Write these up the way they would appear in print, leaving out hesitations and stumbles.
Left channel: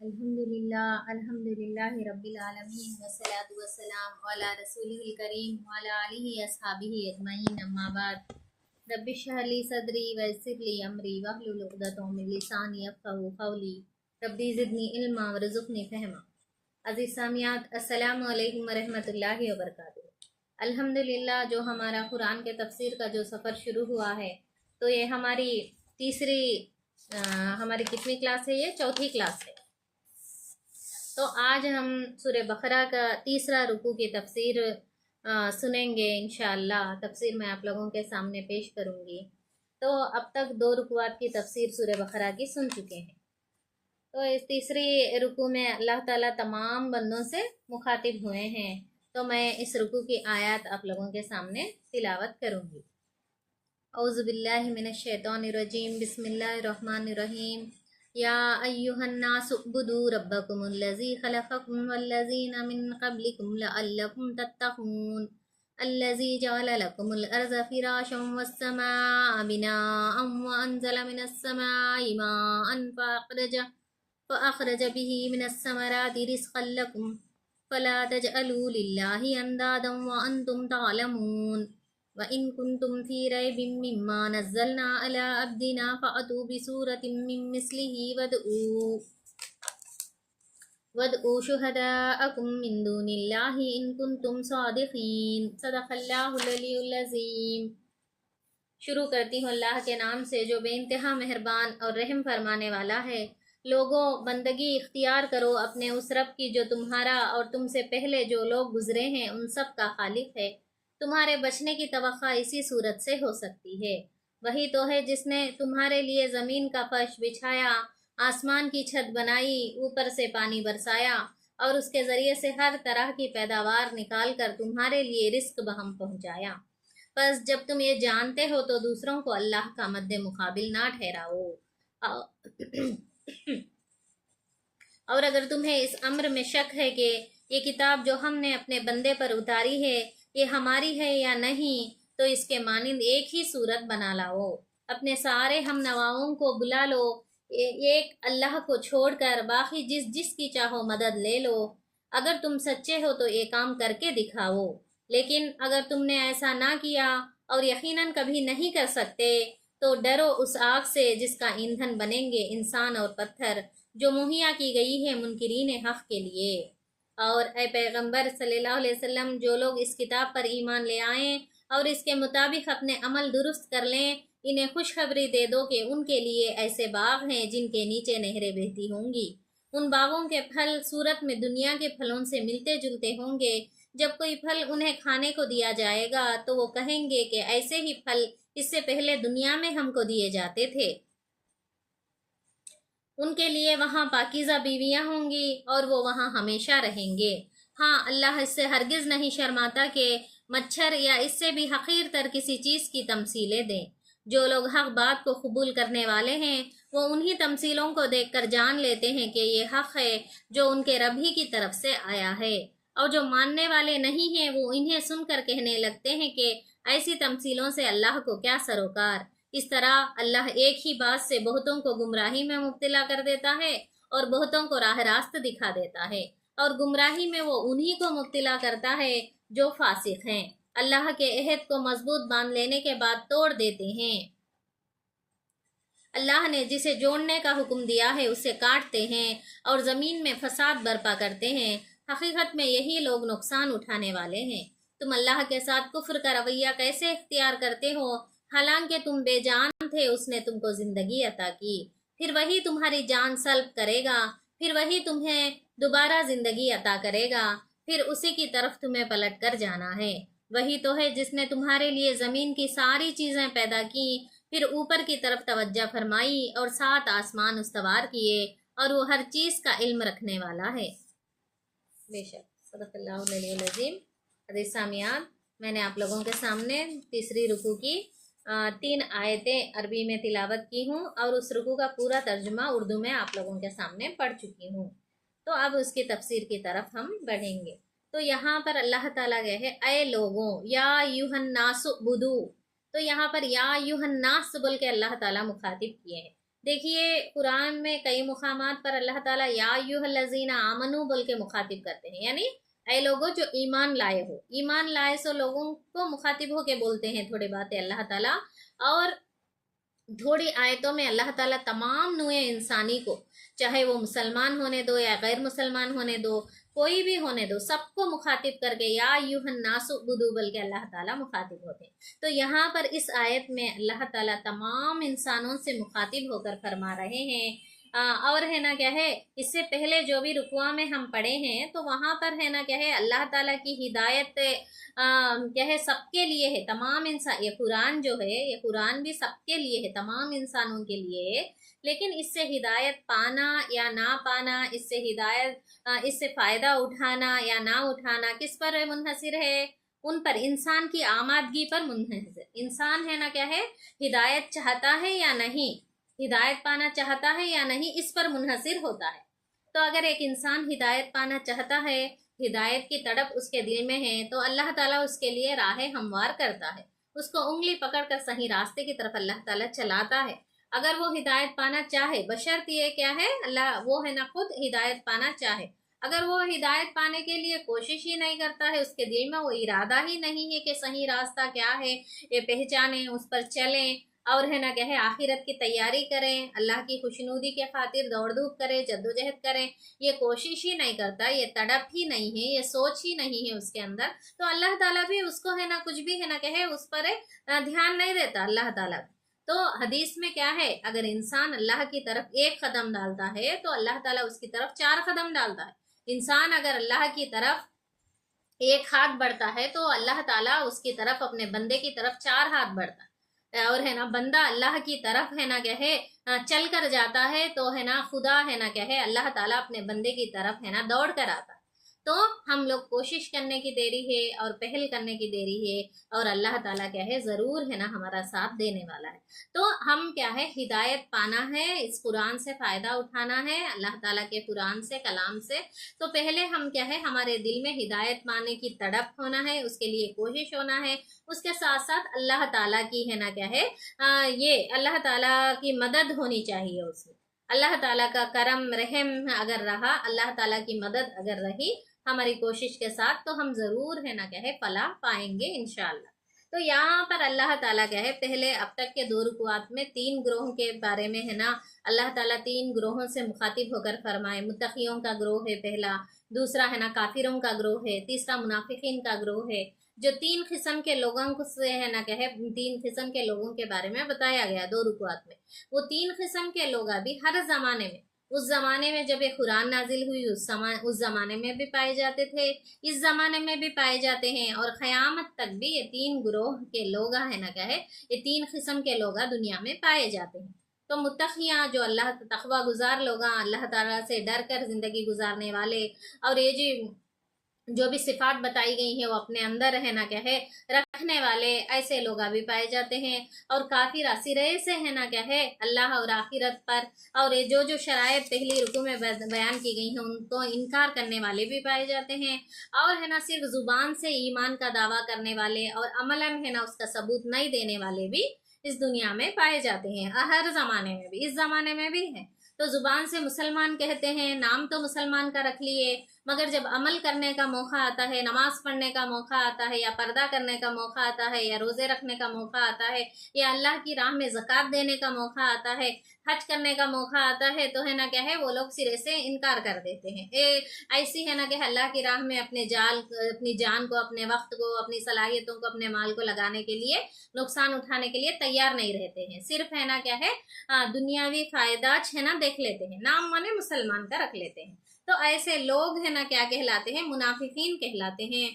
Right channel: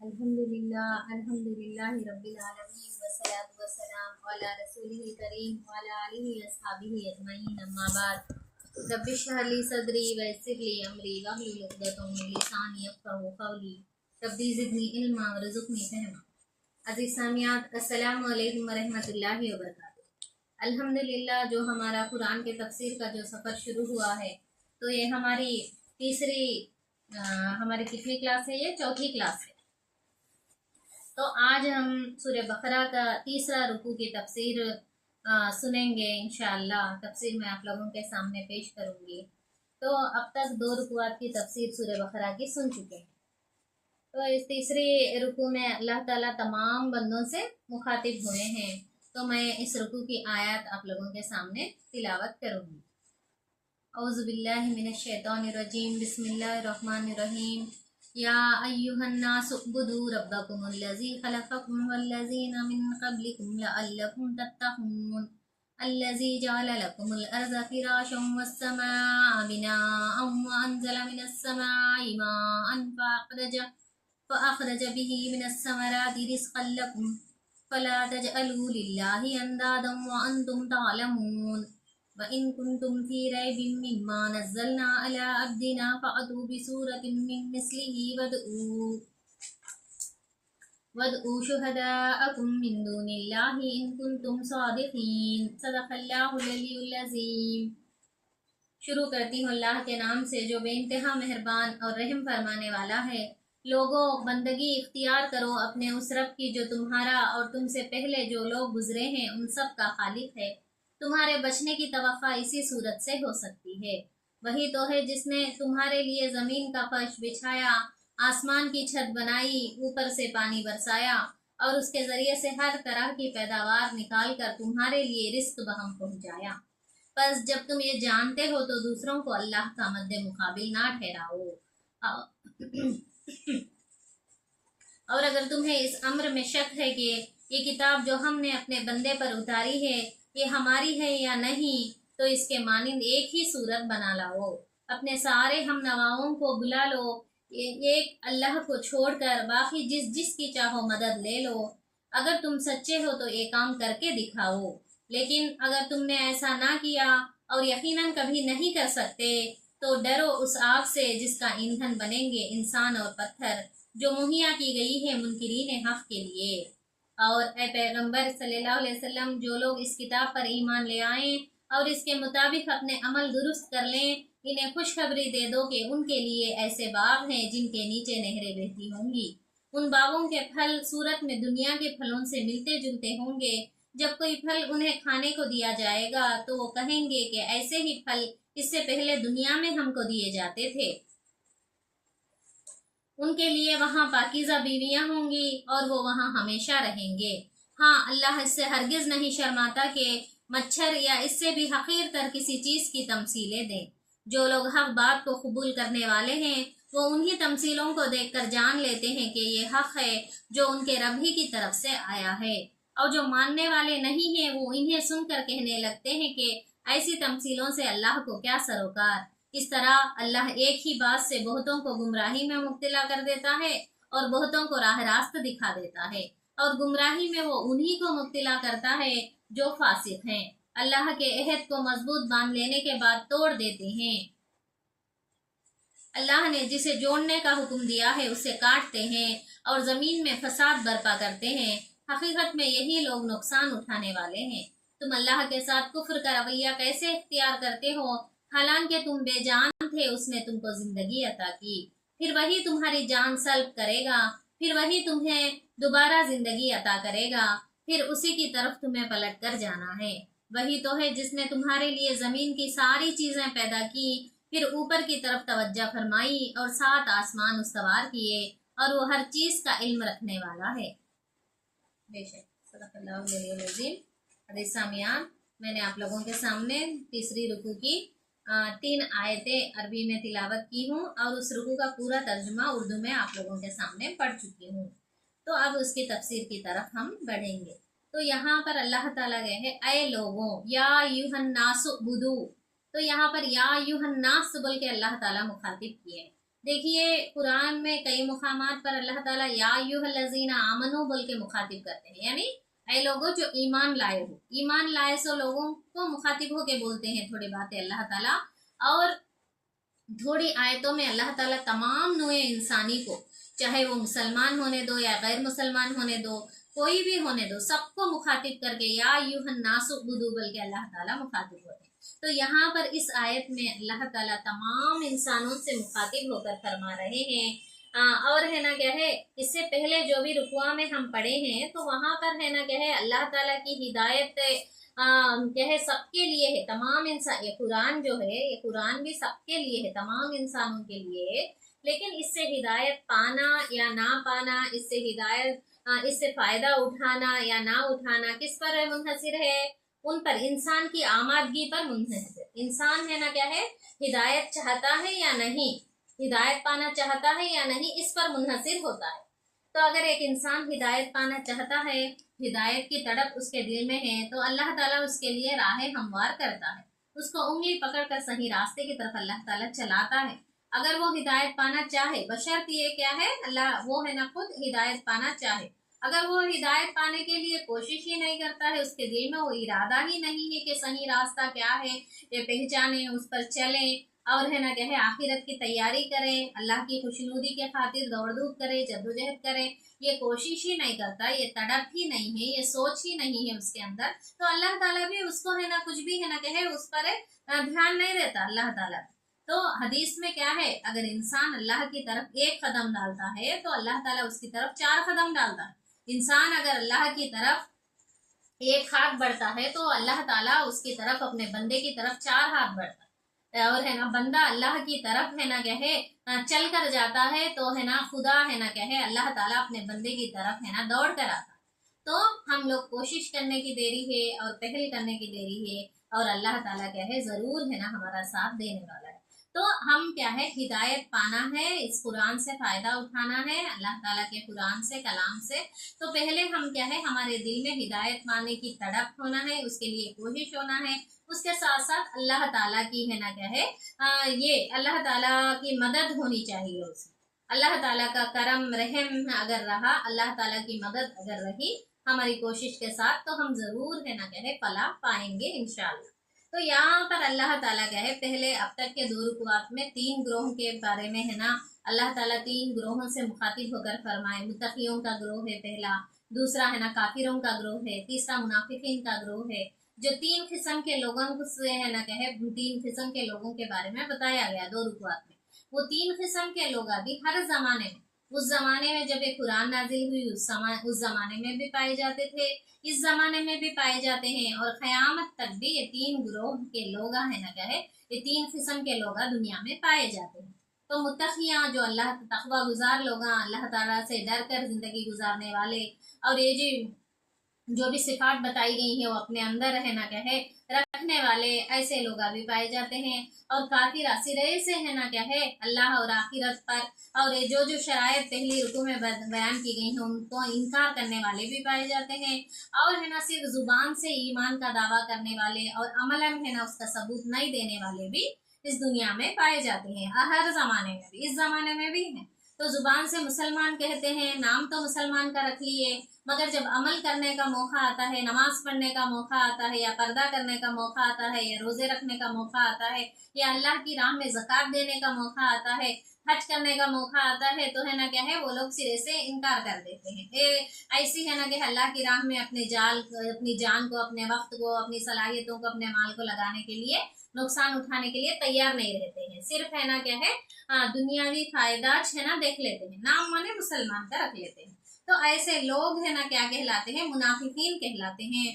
अल्हम्दुलिल्लाह रब्बिल आलमीन वस्सलातु वस्सलाम अला रसूलिल करीम व अला आलिहि अस्हाबिहि अजमईन अम्मा बाद रब्बि इश्रह ली सदरी व यस्सिर ली अमरी वहलुल उक़दतम मिन लिसानी यफ़क़हू क़ौली रब्बी ज़िदनी इल्मा वरज़ुक़नी फ़हमा। अज़ीज़ सामियात, अस्सलामु अलैकुम व रहमतुल्लाहि व बरकातुहू। अल्हम्दुलिल्लाह, जो हमारा कुरान के तफसीर का जो सफ़र शुरू हुआ है, तो ये हमारी तीसरी हमारी कितनी क्लास है? ये चौथी क्लास है। तो आज हम सूरह बकरा का तीसरा रुकू की तफसीर सुनेंगे इंशाअल्लाह। तफसीर मैं आप लोगों के सामने पेश करूँगी। तो अब तक 2 रुकुआत की तफसीर सूरह बकरा की सुन चुके हैं। तो इस तीसरे रुकू में अल्लाह ताला तमाम बंदों से मुखातिब हुए हैं। तो मैं इस रुकू की आयत आप लोगों के सामने तिलावत करूँगी। औज़ु बिल्लाहि मिनश शैतानिर रजीम, बिस्मिल्लाहिर रहमानिर रहीम। या अय्युहन्नासु उब्दू रब्बकुमुल्लज़ी खलक़कुम वल्लज़ीना मिन क़ब्लिकुम लअल्लकुम तत्तक़ून अल्लज़ी जअल लकुमुल अर्ज़ फ़िराशम वस्समाअ बिनाअम व अंज़ल मिनस समाइ माअन फ़अख़रज बिही मिनस समराति रिज़क़न लकुम फ़ला तजअलू लिल्लाहि अंदादन व अंतुम तअलमून व इन कुंतुम फी रैबिम मिम्मा नज़्ज़लना अला अब्दिना फ़अतू बिसूरतिम मिन मिस्लिही वदऊ शुहदाअकुम मिन दूनिल्लाहि इन कुंतुम सादिक़ीन। सदक़ल्लाहुल अलीयुल अज़ीम। शुरू करती हूँ अल्लाह के नाम से जो बेइंतहा मेहरबान और रहम फरमाने वाला है। लोगों, बंदगी इख्तियार करो अपने उस रब की जो तुम्हारा और तुमसे पहले जो लोग गुजरे हैं उन सब का खालिक है। तुम्हारे बचने की तवक्का इसी सूरत से हो सकती है। वही तो है जिसने तुम्हारे लिए ज़मीन का फर्श बिछाया, आसमान की छत बनाई, ऊपर से पानी बरसाया और उसके ज़रिए से हर तरह की पैदावार निकाल कर तुम्हारे लिए रिस्क बहम पहुँचाया। बस जब तुम ये जानते हो तो दूसरों को अल्लाह का मद्दे मुकाबिल ना ठहराओ। और अगर तुम्हें इस अम्र में शक है कि ये किताब जो हमने अपने बंदे पर उतारी है ये हमारी है या नहीं, तो इसके मानिंद एक ही सूरत बना लाओ। अपने सारे हम नवाओं को बुला लो, एक अल्लाह को छोड़कर बाकी जिस जिस की चाहो मदद ले लो। अगर तुम सच्चे हो तो ये काम करके दिखाओ। लेकिन अगर तुमने ऐसा ना किया और यकीनन कभी नहीं कर सकते, तो डरो उस आग से जिसका ईंधन बनेंगे इंसान और पत्थर, जो मुहैया की गई है मुनकिरीन हक़ के लिए। और ए पैगंबर सल्लल्लाहु अलैहि वसल्लम, जो लोग इस किताब पर ईमान ले आएँ और इसके मुताबिक अपने अमल दुरुस्त कर लें, इन्हें खुशखबरी दे दो कि उनके लिए ऐसे बाग हैं जिनके नीचे नहरें बहती होंगी। उन बागों के फल सूरत में दुनिया के फलों से मिलते जुलते होंगे। जब कोई फल उन्हें खाने को दिया जाएगा तो वो कहेंगे कि ऐसे ही फल इससे पहले दुनिया में हमको दिए जाते थे। उनके लिए वहाँ पाकीज़ा बीवियाँ होंगी और वो वहाँ हमेशा रहेंगे। हाँ, अल्लाह इससे हरगिज़ नहीं शर्माता कि मच्छर या इससे भी हक़ीर तर किसी चीज़ की तमसीलें दें। जो लोग हक़ बात को कबूल करने वाले हैं वो उन्हीं तमसीलों को देखकर जान लेते हैं कि ये हक़ है जो उनके रब ही की तरफ से आया है। और जो मानने वाले नहीं हैं वो इन्हें सुनकर कहने लगते हैं कि ऐसी तमसीलों से अल्लाह को क्या सरोकार। इस तरह अल्लाह एक ही बात से बहुतों को गुमराही में मुब्तला कर देता है और बहुतों को राह रास्त दिखा देता है, और गुमराही में वो उन्हीं को मुब्तला करता है जो फासिक हैं, अल्लाह के अहद को मजबूत बांध लेने के बाद तोड़ देते हैं। अल्लाह ने जिसे जोड़ने का हुक्म दिया है उसे काटते हैं और ज़मीन में फसाद बर्पा करते हैं। हकीकत में यही लोग नुकसान उठाने वाले हैं। तुम अल्लाह के साथ कुफ्र का रवैया कैसे इख्तियार करते हो, हालांकि तुम बेजान थे, उसने तुमको जिंदगी अता की, फिर वही तुम्हारी जान सल्ब करेगा, फिर वही तुम्हें दोबारा जिंदगी अता करेगा, फिर उसी की तरफ तुम्हें पलट कर जाना है। वही तो है जिसने तुम्हारे लिए ज़मीन की सारी चीज़ें पैदा की, फिर ऊपर की तरफ तवज्जो फरमाई और 7 आसमान उस्तवार किए, और वो हर चीज़ का इल्म रखने वाला है। बेशक सदक़ल्लाहु अलैहिल अज़ीम। हदीस सामियान, मैंने आप लोगों के सामने तीसरी रुकू की 3 आयतें अरबी में तिलावत की हूँ और उस रुकू का पूरा तर्जुमा उर्दू में आप लोगों के सामने पढ़ चुकी हूँ। तो अब उसकी तफसीर की तरफ हम बढ़ेंगे। तो यहाँ पर अल्लाह ताला गए है, ऐ लोगों, या युहन्नासु बुदू। तो यहाँ पर या युहन्नास बोल के अल्लाह ताला मुखातिब किए हैं। देखिए कुरान में कई मुकामात पर अल्लाह ताला या अय्युहल्लज़ीना आमनू बोल के मुखातिब करते हैं, यानी ऐ लोगों जो ईमान लाए हो, ईमान लाए सो लोगों को मुखातिब होके बोलते हैं थोड़ी बातें अल्लाह ताला। और थोड़ी आयतों में अल्लाह ताला तमाम नूए इंसानी को, चाहे वो मुसलमान होने दो या गैर मुसलमान होने दो, कोई भी होने दो, सबको मुखातिब करके या अय्युहन नासु बुदू बल के अल्लाह ताला मुखातिब होते हैं। तो यहाँ पर इस आयत में अल्लाह ताला तमाम इंसानों से मुखातिब होकर फरमा रहे हैं। और है ना क्या है, इससे पहले जो भी रुकुआ में हम पढ़े हैं तो वहाँ पर है ना क्या है, अल्लाह ताला की हिदायत क्या है सबके लिए है, तमाम इंसान, ये कुरान जो है ये कुरान भी सबके लिए है, तमाम इंसानों के लिए। लेकिन इससे हिदायत पाना या ना पाना, इससे हिदायत इससे फायदा उठाना या ना उठाना किस पर है मुनहसिर है, उन पर, इंसान की आमादगी पर मुनहसिर। इंसान है ना क्या है, हिदायत चाहता है या नहीं, हिदायत पाना चाहता है या नहीं, इस पर मुनहसिर होता है। तो अगर एक इंसान हिदायत पाना चाहता है, हिदायत की तड़प उसके दिल में है, तो अल्लाह ताला उसके लिए राहें हमवार करता है, उसको उंगली पकड़कर सही रास्ते की तरफ अल्लाह ताला चलाता है। अगर वो हिदायत पाना चाहे, बशर्त ये क्या है, अल्लाह वो है ना खुद हिदायत पाना चाहे। अगर वो हिदायत पाने के लिए कोशिश ही नहीं करता है, उसके दिल में वो इरादा ही नहीं है कि सही रास्ता क्या है ये पहचाने, उस पर चलें, और है ना क्या है आखिरत की तैयारी करें, अल्लाह की खुशनुदी के खातिर दौड़ धूप करें, जद्दोजहद करें, ये कोशिश ही नहीं करता, ये तड़प ही नहीं है, ये सोच ही नहीं है उसके अंदर, तो अल्लाह ताला भी उसको है ना कुछ भी है ना कहे उस पर ध्यान नहीं देता अल्लाह ताला। तो हदीस में क्या है, अगर इंसान अल्लाह की तरफ एक कदम डालता है तो अल्लाह ताला उसकी तरफ 4 कदम डालता है। इंसान अगर अल्लाह की तरफ एक हाथ बढ़ता है तो अल्लाह ताला उसकी तरफ, अपने बंदे की तरफ 4 हाथ बढ़ता है। और है ना बंदा अल्लाह की तरफ है ना क्या है चल कर जाता है, तो है ना खुदा है ना क्या है अल्लाह ताला अपने बंदे की तरफ है ना दौड़ कर आता है। तो हम लोग कोशिश करने की देरी है और पहल करने की देरी है, और अल्लाह ताला क्या है ज़रूर है ना हमारा साथ देने वाला है। तो हम क्या है, हिदायत पाना है, इस कुरान से फ़ायदा उठाना है, अल्लाह ताला के कुरान से, कलाम से। तो पहले हम क्या है, हमारे दिल में हिदायत पाने की तड़प होना है, उसके लिए कोशिश होना है। उसके साथ साथ अल्लाह ताला की है ना क्या है ये अल्लाह ताला की मदद होनी चाहिए उसमें। अल्लाह ताला का करम रहम अगर रहा, अल्लाह ताला की मदद अगर रही हमारी कोशिश के साथ, तो हम ज़रूर है ना क्या है फलाह पाएंगे इंशाअल्लाह। तो यहाँ पर अल्लाह ताला क्या है, पहले अब तक के 2 रुकुआत में 3 ग्रोह के बारे में है ना अल्लाह ताला 3 ग्रोहों से मुखातिब होकर फरमाए। मुत्तकियों का ग्रोह है पहला, दूसरा है ना काफिरों का ग्रोह है, तीसरा मुनाफिकीन का ग्रोह है। जो 3 किस्म के लोगों को से है ना कहे, 3 किस्म के लोगों के बारे में बताया गया 2 रुकुआत में। वो 3 किस्म के लोग अभी हर जमाने में, उस जमाने में जब ये कुरान नाजिल हुई उस जमाने में भी पाए जाते थे, इस जमाने में भी पाए जाते हैं, और क़यामत तक भी ये 3 ग्रोह के लोग है ना क्या है, ये 3 किस्म के लोग दुनिया में पाए जाते हैं। तो मुत्तकियाँ जो अल्लाह तकवा गुजार लोग, अल्लाह ताला से डर कर ज़िंदगी गुजारने वाले, और ये जो भी सिफात बताई गई हैं वो अपने अंदर है ना क्या है रखने वाले, ऐसे लोग भी पाए जाते हैं। और काफिर सिरे से है ना क्या है अल्लाह और आखिरत पर, और ये जो शरायत पहली रुकू में बयान की गई हैं उनको इनकार करने वाले भी पाए जाते हैं। और है ना सिर्फ जुबान से ईमान का दावा करने वाले और अमलन है ना उसका सबूत नहीं देने वाले भी इस दुनिया में पाए जाते हैं, हर जमाने में भी, इस जमाने में भी है। तो जुबान से मुसलमान कहते हैं, नाम तो मुसलमान का रख लिए, मगर जब अमल करने का मौका आता है, नमाज पढ़ने का मौका आता है, या पर्दा करने का मौका आता है, या रोज़े रखने का मौका आता है, या अल्लाह की राह में ज़कात देने का मौका आता है, हज करने का मौका आता है, तो है ना क्या है वो लोग सिरे से इनकार कर देते हैं। ऐसी है ना कि अल्लाह की राह में अपनी जान को, अपने वक्त को, अपनी सलाहियतों को, अपने माल को लगाने के लिए, नुकसान उठाने के लिए तैयार नहीं रहते हैं। सिर्फ है ना क्या है दुनियावी फ़ायदा है ना देख लेते हैं, नाम माने मुसलमान का रख लेते हैं। तो ऐसे लोग है ना क्या कहलाते हैं, मुनाफिकीन कहलाते हैं।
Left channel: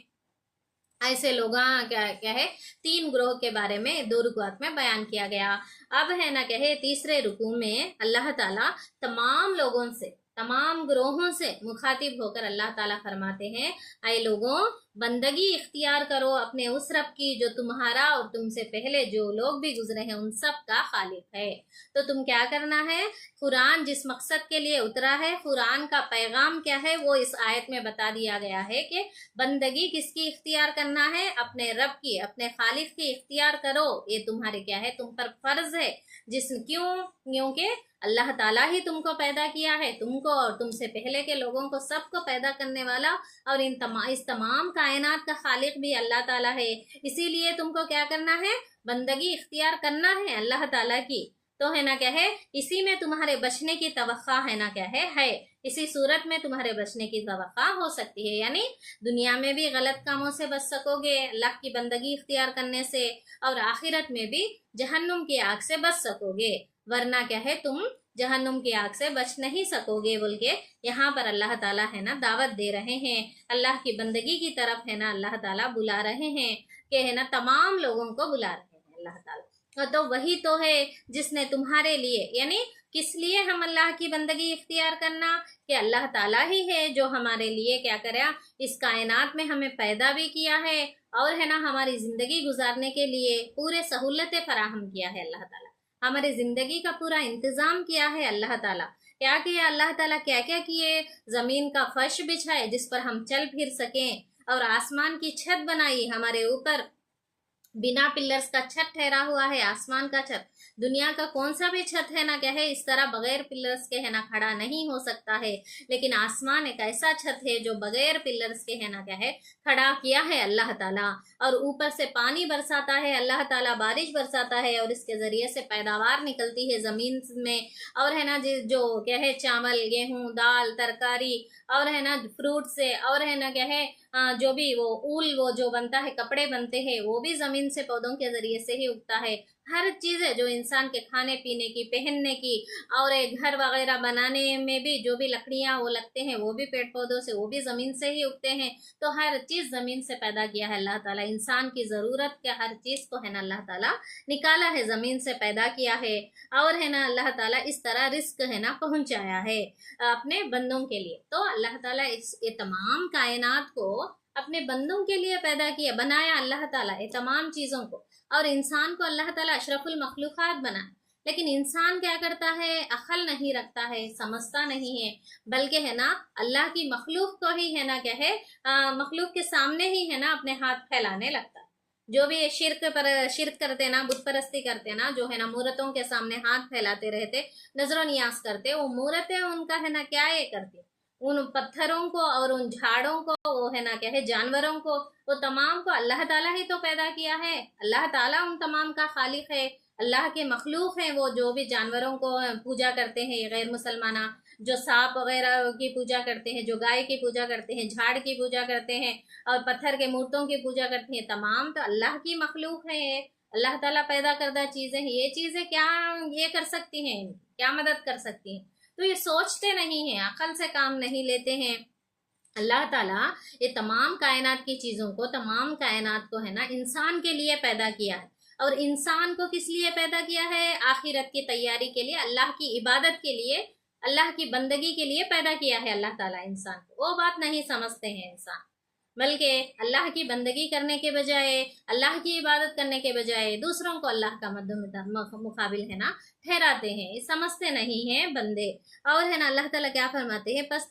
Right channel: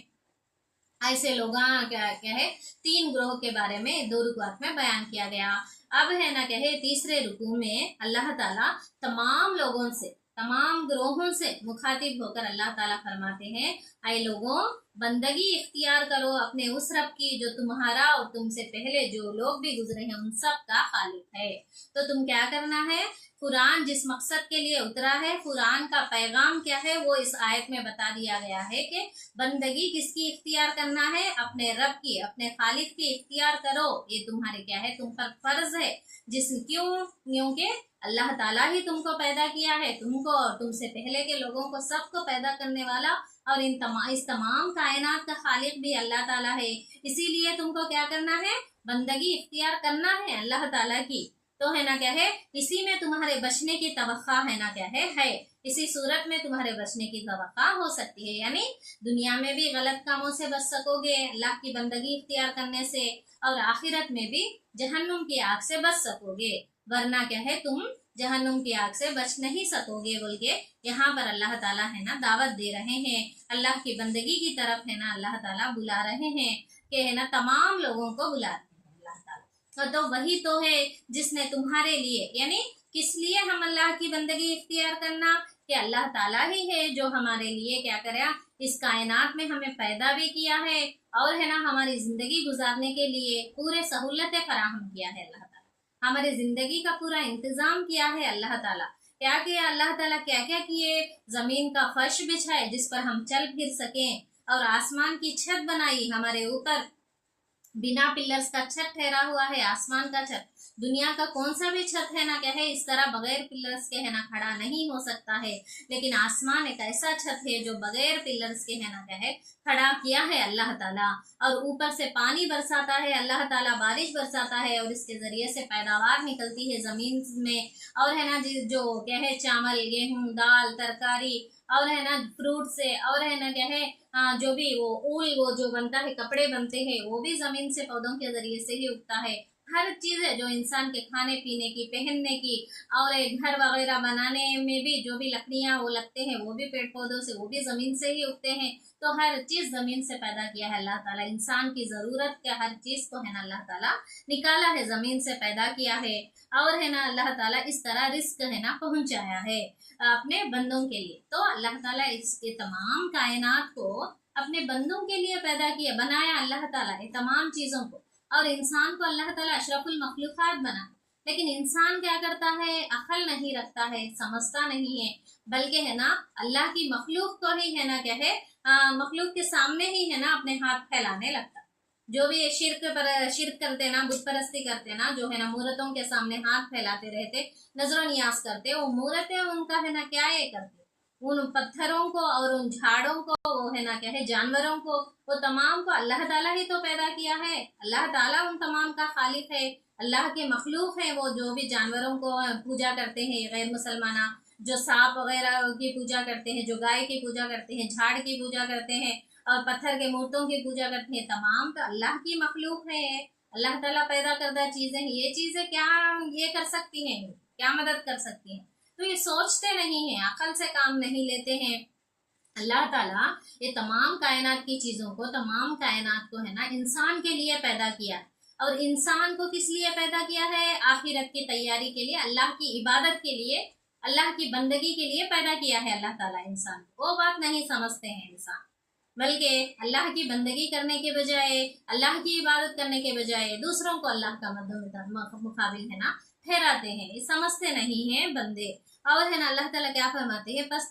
ऐसे लोग क्या क्या है 3 ग्रोह के बारे में 2 रुकुआत में बयान किया गया। अब है ना कहे तीसरे रुकू में अल्लाह ताला तमाम लोगों से, तमाम ग्रोहों से मुखातिब होकर अल्लाह ताला फरमाते हैं, ऐ लोगों बंदगी इख्तियार करो अपने उस रब की जो तुम्हारा और तुमसे पहले जो लोग भी गुजरे हैं उन सब का खालिक है। तो तुम क्या करना है, कुरान जिस मकसद के लिए उतरा है, कुरान का पैगाम क्या है, वो इस आयत में बता दिया गया है कि बंदगी किसकी इख्तियार करना है, अपने रब की, अपने खालिक की इख्तियार करो। ये तुम्हारे क्या है, तुम पर फर्ज है। क्योंकि अल्लाह ताला ही तुमको पैदा किया है, तुमको और तुमसे पहले के लोगों को सबको पैदा करने वाला, और इस तमाम कायनात का खालिक भी अल्लाह ताला है। इसीलिए तुमको क्या करना है, बंदगी इख्तियार करना है अल्लाह ताला की। तो है ना क्या है, इसी में तुम्हारे बचने की तवक्का है ना क्या है, इसी सूरत में तुम्हारे बचने की तवक्का हो सकती है। यानी दुनिया में भी गलत कामों से बच सकोगे अल्लाह की बंदगी इख्तियार करने से, और आखिरत में भी जहन्नुम की आग से बच सकोगे, वरना क्या है तुम जहन्नुम की आग से बच नहीं सकोगे। बोल के यहाँ पर अल्लाह ताला है ना दावत दे रहे हैं, अल्लाह की बंदगी की तरफ है ना अल्लाह ताला बुला रहे हैं, कि है ना तमाम लोगों को बुला रहे हैं अल्लाह ताला। तो वही तो है जिसने तुम्हारे लिए, यानी किस लिए हम अल्लाह की बंदगी इख्तियार करना, कि अल्लाह ताला ही है जो हमारे लिए क्या करा, इस कायनात में हमें पैदा भी किया है, और है ना हमारी जिंदगी गुजारने के लिए पूरे सहूलतें फराहम किया है अल्लाह ताला, हमारी जिंदगी का पूरा इंतजाम किया है अल्लाह ताला। क्या किया अल्लाह ताला, क्या क्या किए, जमीन का फर्श बिछाए जिस पर हम चल फिर सकें, और आसमान की छत बनाई हमारे ऊपर, बिना पिलर्स का छत ठहरा हुआ है आसमान का छत। दुनिया का कौन सा भी छत है ना क्या है इस तरह बगैर पिलर्स के है ना खड़ा नहीं हो सकता है, लेकिन आसमान एक ऐसा छत है जो बगैर पिलर्स के है ना क्या है खड़ा किया है अल्लाह ताला। और ऊपर से पानी बरसाता है अल्लाह ताला, बारिश बरसाता है, और इसके जरिए से पैदावार निकलती है जमीन में, और है ना जो क्या है चावल गेहूं दाल तरकारी, और है ना फ्रूट से, और है ना क्या है जो भी वो ऊल वो जो बनता है कपड़े बनते हैं वो भी जमीन से पौधों के जरिए से ही उगता है। हर चीज़ है जो इंसान के खाने पीने की पहनने की और एक घर वगैरह बनाने में भी जो भी लकड़ियाँ वो लगते हैं वो भी पेड़ पौधों से, वो भी ज़मीन से ही उगते हैं। तो हर चीज़ ज़मीन से पैदा किया है अल्लाह ताला। इंसान की ज़रूरत के हर चीज़ को है ना अल्लाह ताला निकाला है, ज़मीन से पैदा किया है, और है ना अल्लाह ताला इस तरह रिस्क है ना पहुँचाया है अपने बंदों के लिए। तो अल्लाह ताला ये तमाम कायनात को अपने बंदों के लिए पैदा किया, बनाया अल्लाह ताला ये तमाम चीज़ों को, और इंसान को अल्लाह ताला अशरफुल मखलूक़ात बना। लेकिन इंसान क्या करता है, अकल नहीं रखता है, समझता नहीं है, बल्कि है ना अल्लाह की मखलूक को ही है ना क्या है मखलूक के सामने ही है ना अपने हाथ फैलाने लगता। जो भी ये शिरक करते ना, बुत परस्ती करते ना, जो है ना मूर्तों के सामने हाथ फैलाते रहते, नजर नियाज करते, वो मूर्तें उनका है ना क्या ये करती, उन पत्थरों को और उन झाड़ों को, वो है ना क्या है जानवरों को, वो तमाम को अल्लाह ताला ही तो पैदा किया है। अल्लाह ताला उन तमाम का खालिक है, अल्लाह के मखलूक हैं वो जो भी जानवरों को पूजा करते हैं, गैर मुसलमाना जो सांप वगैरह की पूजा करते हैं, जो गाय की पूजा करते हैं, झाड़ की पूजा करते हैं, और पत्थर के मूर्तों की पूजा करते हैं, तमाम तो अल्लाह की मखलूक है, अल्लाह ताला पैदा करदा चीज़ें हैं। ये चीज़ें क्या ये कर सकती हैं, क्या मदद कर सकती हैं? तो ये सोचते नहीं हैं, अकल से काम नहीं लेते हैं। अल्लाह ताला ये तमाम कायनात की चीज़ों को, तमाम कायनात को है ना इंसान के लिए पैदा किया है, और इंसान को किस लिए पैदा किया है, आखिरत की तैयारी के लिए, अल्लाह की इबादत के लिए, अल्लाह की बंदगी के लिए पैदा किया है अल्लाह ताला इंसान को। वो बात नहीं समझते हैं इंसान, बल्कि अल्लाह की बंदगी करने के बजाय, अल्लाह की इबादत करने के बजाय दूसरों को अल्लाह का मुकाबिल है ना ठहराते हैं, समझते नहीं हैं बंदे। और है ना अल्लाह ताला क्या फरमाते हैं, बस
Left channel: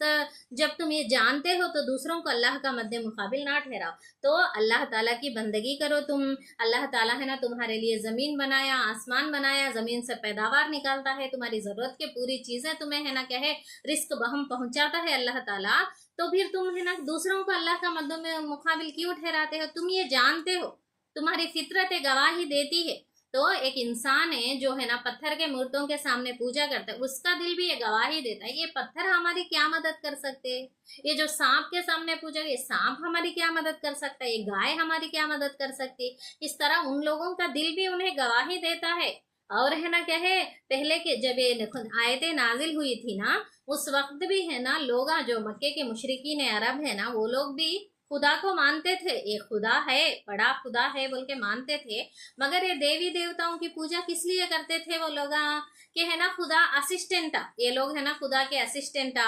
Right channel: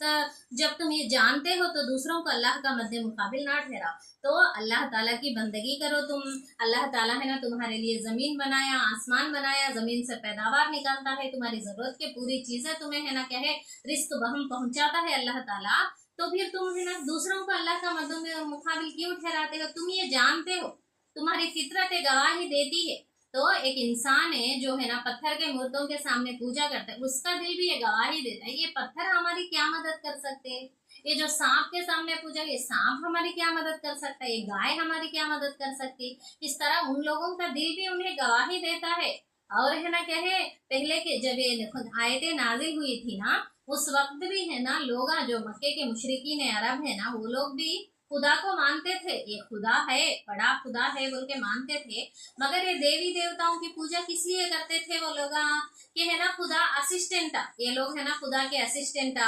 जब तुम ये जानते हो तो दूसरों को अल्लाह का मद्दे मुकाबिल ना ठहराओ, तो अल्लाह ताला की बंदगी करो तुम। अल्लाह ताला है ना तुम्हारे लिए ज़मीन बनाया, आसमान बनाया, ज़मीन से पैदावार निकालता है, तुम्हारी ज़रूरत की पूरी चीज़ें तुम्हें है ना क्या है रिस्क बहम पहुँचाता है अल्लाह ताला। तो फिर तुम है ना दूसरों को अल्लाह का मद्दों में मुकाबिल क्यों ठहराते हो? तुम ये जानते हो, तुम्हारी फितरत गवाही देती है। तो एक इंसान है जो है ना पत्थर के मूर्तों के सामने पूजा करता है, उसका दिल भी ये गवाही देता है, ये पत्थर हमारी क्या मदद कर सकते हैं, ये जो सांप के सामने पूजा, ये सांप हमारी क्या मदद कर सकता है, ये गाय हमारी क्या मदद कर सकती है। इस तरह उन लोगों का दिल भी उन्हें गवाही देता है। और है ना क्या है, पहले के जब ये आयतें नाजिल हुई थी ना, उस वक्त भी है ना लोग जो मक्के के मुशरिकीन अरब है ना, वो लोग भी खुदा को मानते थे, ये खुदा है, बड़ा खुदा है बोल के मानते थे, मगर ये देवी देवताओं की पूजा किस लिए करते थे वो लोग, कि है ना खुदा असिस्टेंट, ये लोग है ना खुदा के असिस्टेंट,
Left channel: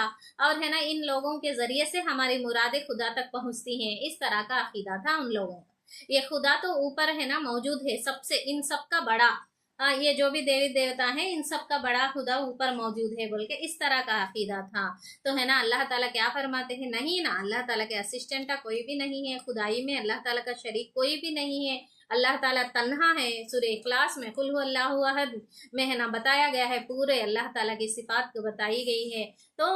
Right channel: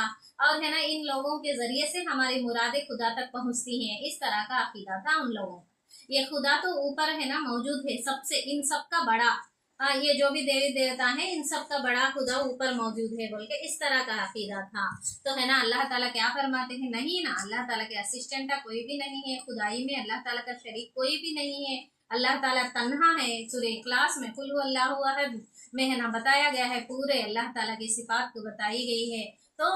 और है ना इन लोगों के जरिए से हमारी मुरादें खुदा तक पहुंचती हैं। इस तरह का अकीदा था उन लोगों का। ये खुदा तो ऊपर है ना मौजूद है, सबसे इन सब का बड़ा, ये जो भी देवी देवता हैं इन सब का बड़ा खुदा ऊपर मौजूद है बोल के इस तरह का अकीदा था। तो है ना अल्लाह ताला क्या फरमाते हैं, नहीं ना, अल्लाह ताला के असिस्टेंट का कोई भी नहीं है, खुदाई में अल्लाह ताला का शरीक कोई भी नहीं है। अल्लाह ताला तन्हा है। सूरह इखलास में कुल हु अल्लाहु अहद में है ना बताया गया है, पूरे अल्लाह ताला की सिफात को बताई गई है। तो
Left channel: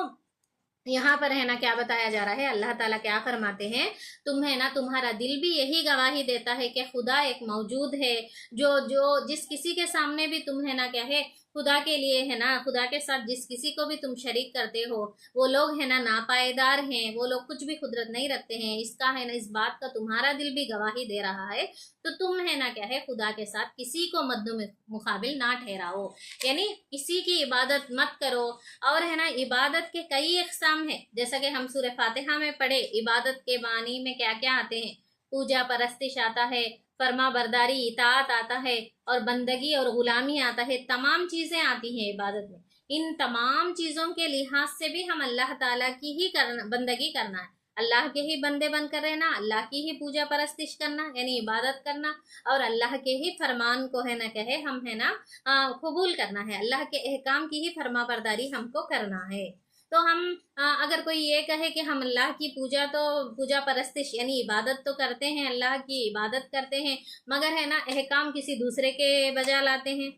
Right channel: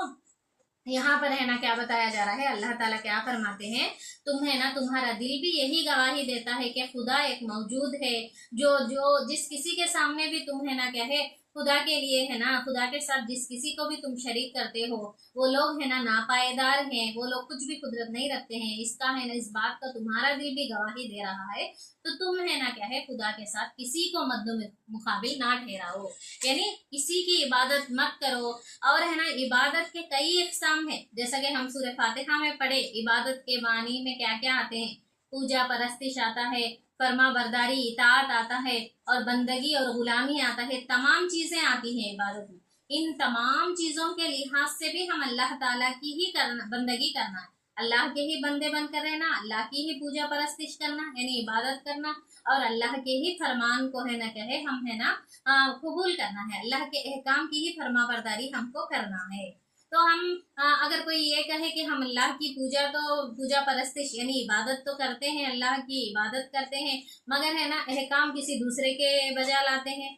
यहाँ पर है ना क्या बताया जा रहा है, अल्लाह ताला क्या फरमाते हैं, तुम है ना तुम्हारा दिल भी यही गवाही देता है कि खुदा एक मौजूद है, जो जो जिस किसी के सामने भी तुम है ना क्या है खुदा के लिए है ना, खुदा के साथ जिस किसी को भी तुम शरीक करते हो वो लोग है ना नापायदार हैं, वो लोग कुछ भी कुदरत नहीं रखते हैं। इसका है ना इस बात का तुम्हारा दिल भी गवाही दे रहा है। तो तुम है ना क्या है खुदा के साथ किसी को मद्दो मुकाबिल ना ठहराओ, यानी किसी की इबादत मत करो। और है ना इबादत के कई अक़साम है, जैसा कि हम सूरह फातिहा में पढ़े, इबादत के मानी में क्या क्या आते हैं, पूजा परस्तिश आता है, फर्मा बरदारी इताअत आता है, और बंदगी और गुलामी आता है। तमाम चीज़ें आती हैं इबादत में। इन तमाम चीज़ों के लिहाज से भी हम अल्लाह ताला की ही बंदगी करना है, अल्लाह के ही बंदे बनकर रहना, अल्लाह की ही पूजा परस्तिश करना यानी इबादत करना, और अल्लाह के ही फरमान को है ना कहे हम है ना कबूल करना है, अल्लाह के अहकाम की ही फरमा बरदारी हमको करना है। तो हम अगर कोई ये कहे कि हम अल्लाह की पूजा परस्तिश यानी इबादत तो करते हैं, अल्लाह की इबादत करते हैं, मगर है ना अहकाम किसी दूसरे के बजा लाते हैं,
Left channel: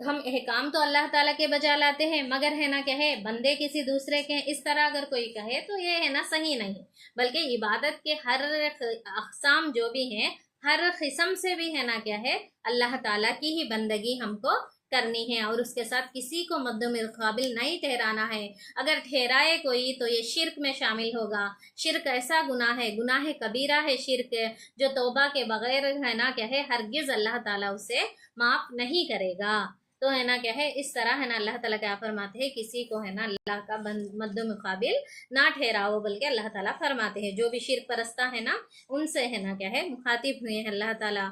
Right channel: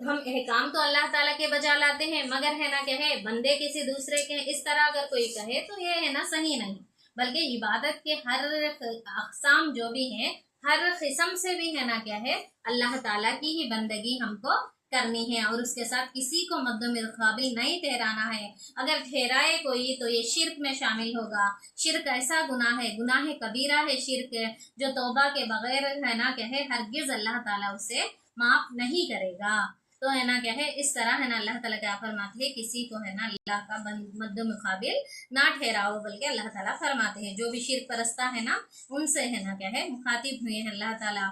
हम अहकाम तो अल्लाह ताला के बजा लाते हैं मगर है ना कहे बंदे किसी दूसरे के, इस तरह अगर कोई कहे तो ये है ना सही नहीं। बल्कि इबादत के हर अक़साम जो भी हैं, हर किस्म से भी है ना क्या है अल्लाह ताला की ही बंदगी हमको करनी है, और उसके साथ किसी को मद्दो मुकाबिल नहीं ठहराना है। अगर ठहराए कोई तो ये शिरक में शामिल होगा। शिरक ऐसा गुनाह है, गुनाह कबीरा है शिरक, जो तौबा के बगैर है ना क्या है हरगिज़ अल्लाह ताला उसे माफ़ नहीं करेगा। तो है ना क्या है इस तरह है ना अल्लाह ताला क्या फरमाते हैं, किसी को है ना अल्लाह का मद्दो मुकाबिल ना ठहराओ, बल्कि अल्लाह ताला फरमाते हैं जो भी शिरक परस्ता है ना उनसे है ना क्या है मुखातिब हुए हैं अल्लाह ताला।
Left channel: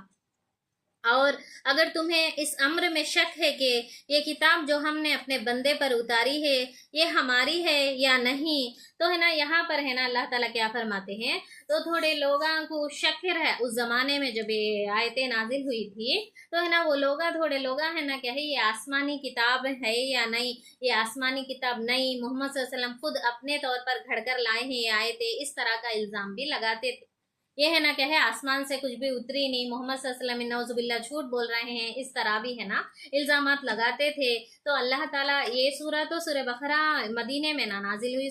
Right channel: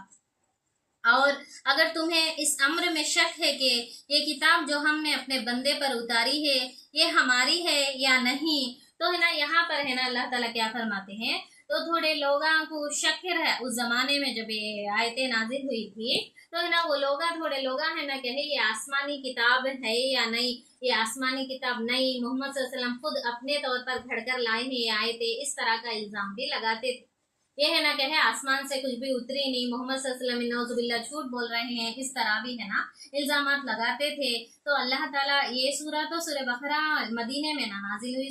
और अगर तुम्हें इस अम्र में शक है कि ये किताब जो हमने अपने बंदे पर उतारी है ये हमारी है या नहीं, तो है ना यहाँ पर है ना अल्लाह ताला क्या फरमाते हैं, तो थोड़े लोगों को शक है उस ज़माने में जब ये आयतें नाजिल हुई थी, तो है ना वो लोग थोड़े लोग है ना क्या है ये आसमानी किताब है या नहीं, ये आसमानी किताब नहीं, मोहम्मद सल्लल्लाहु अलैहि वसल्लम खुद अपने तौर पर घड़कर लाए हैं ये आयतें, इस तरह का इल्ज़ाम भी लगाते थे। ये है ना क्या है आसमान से कुछ भी उतरी नहीं, मोहम्मद सल्लल्लाहु अलैहि वसल्लम नौजुबिल्ला झूठ बोल रहे हैं, इस तरह भी है ना इल्ज़ामात लगाते थे। तो अल्लाह ताला ये तो सूरह बकरा मदीने में ना नाजिल हुई,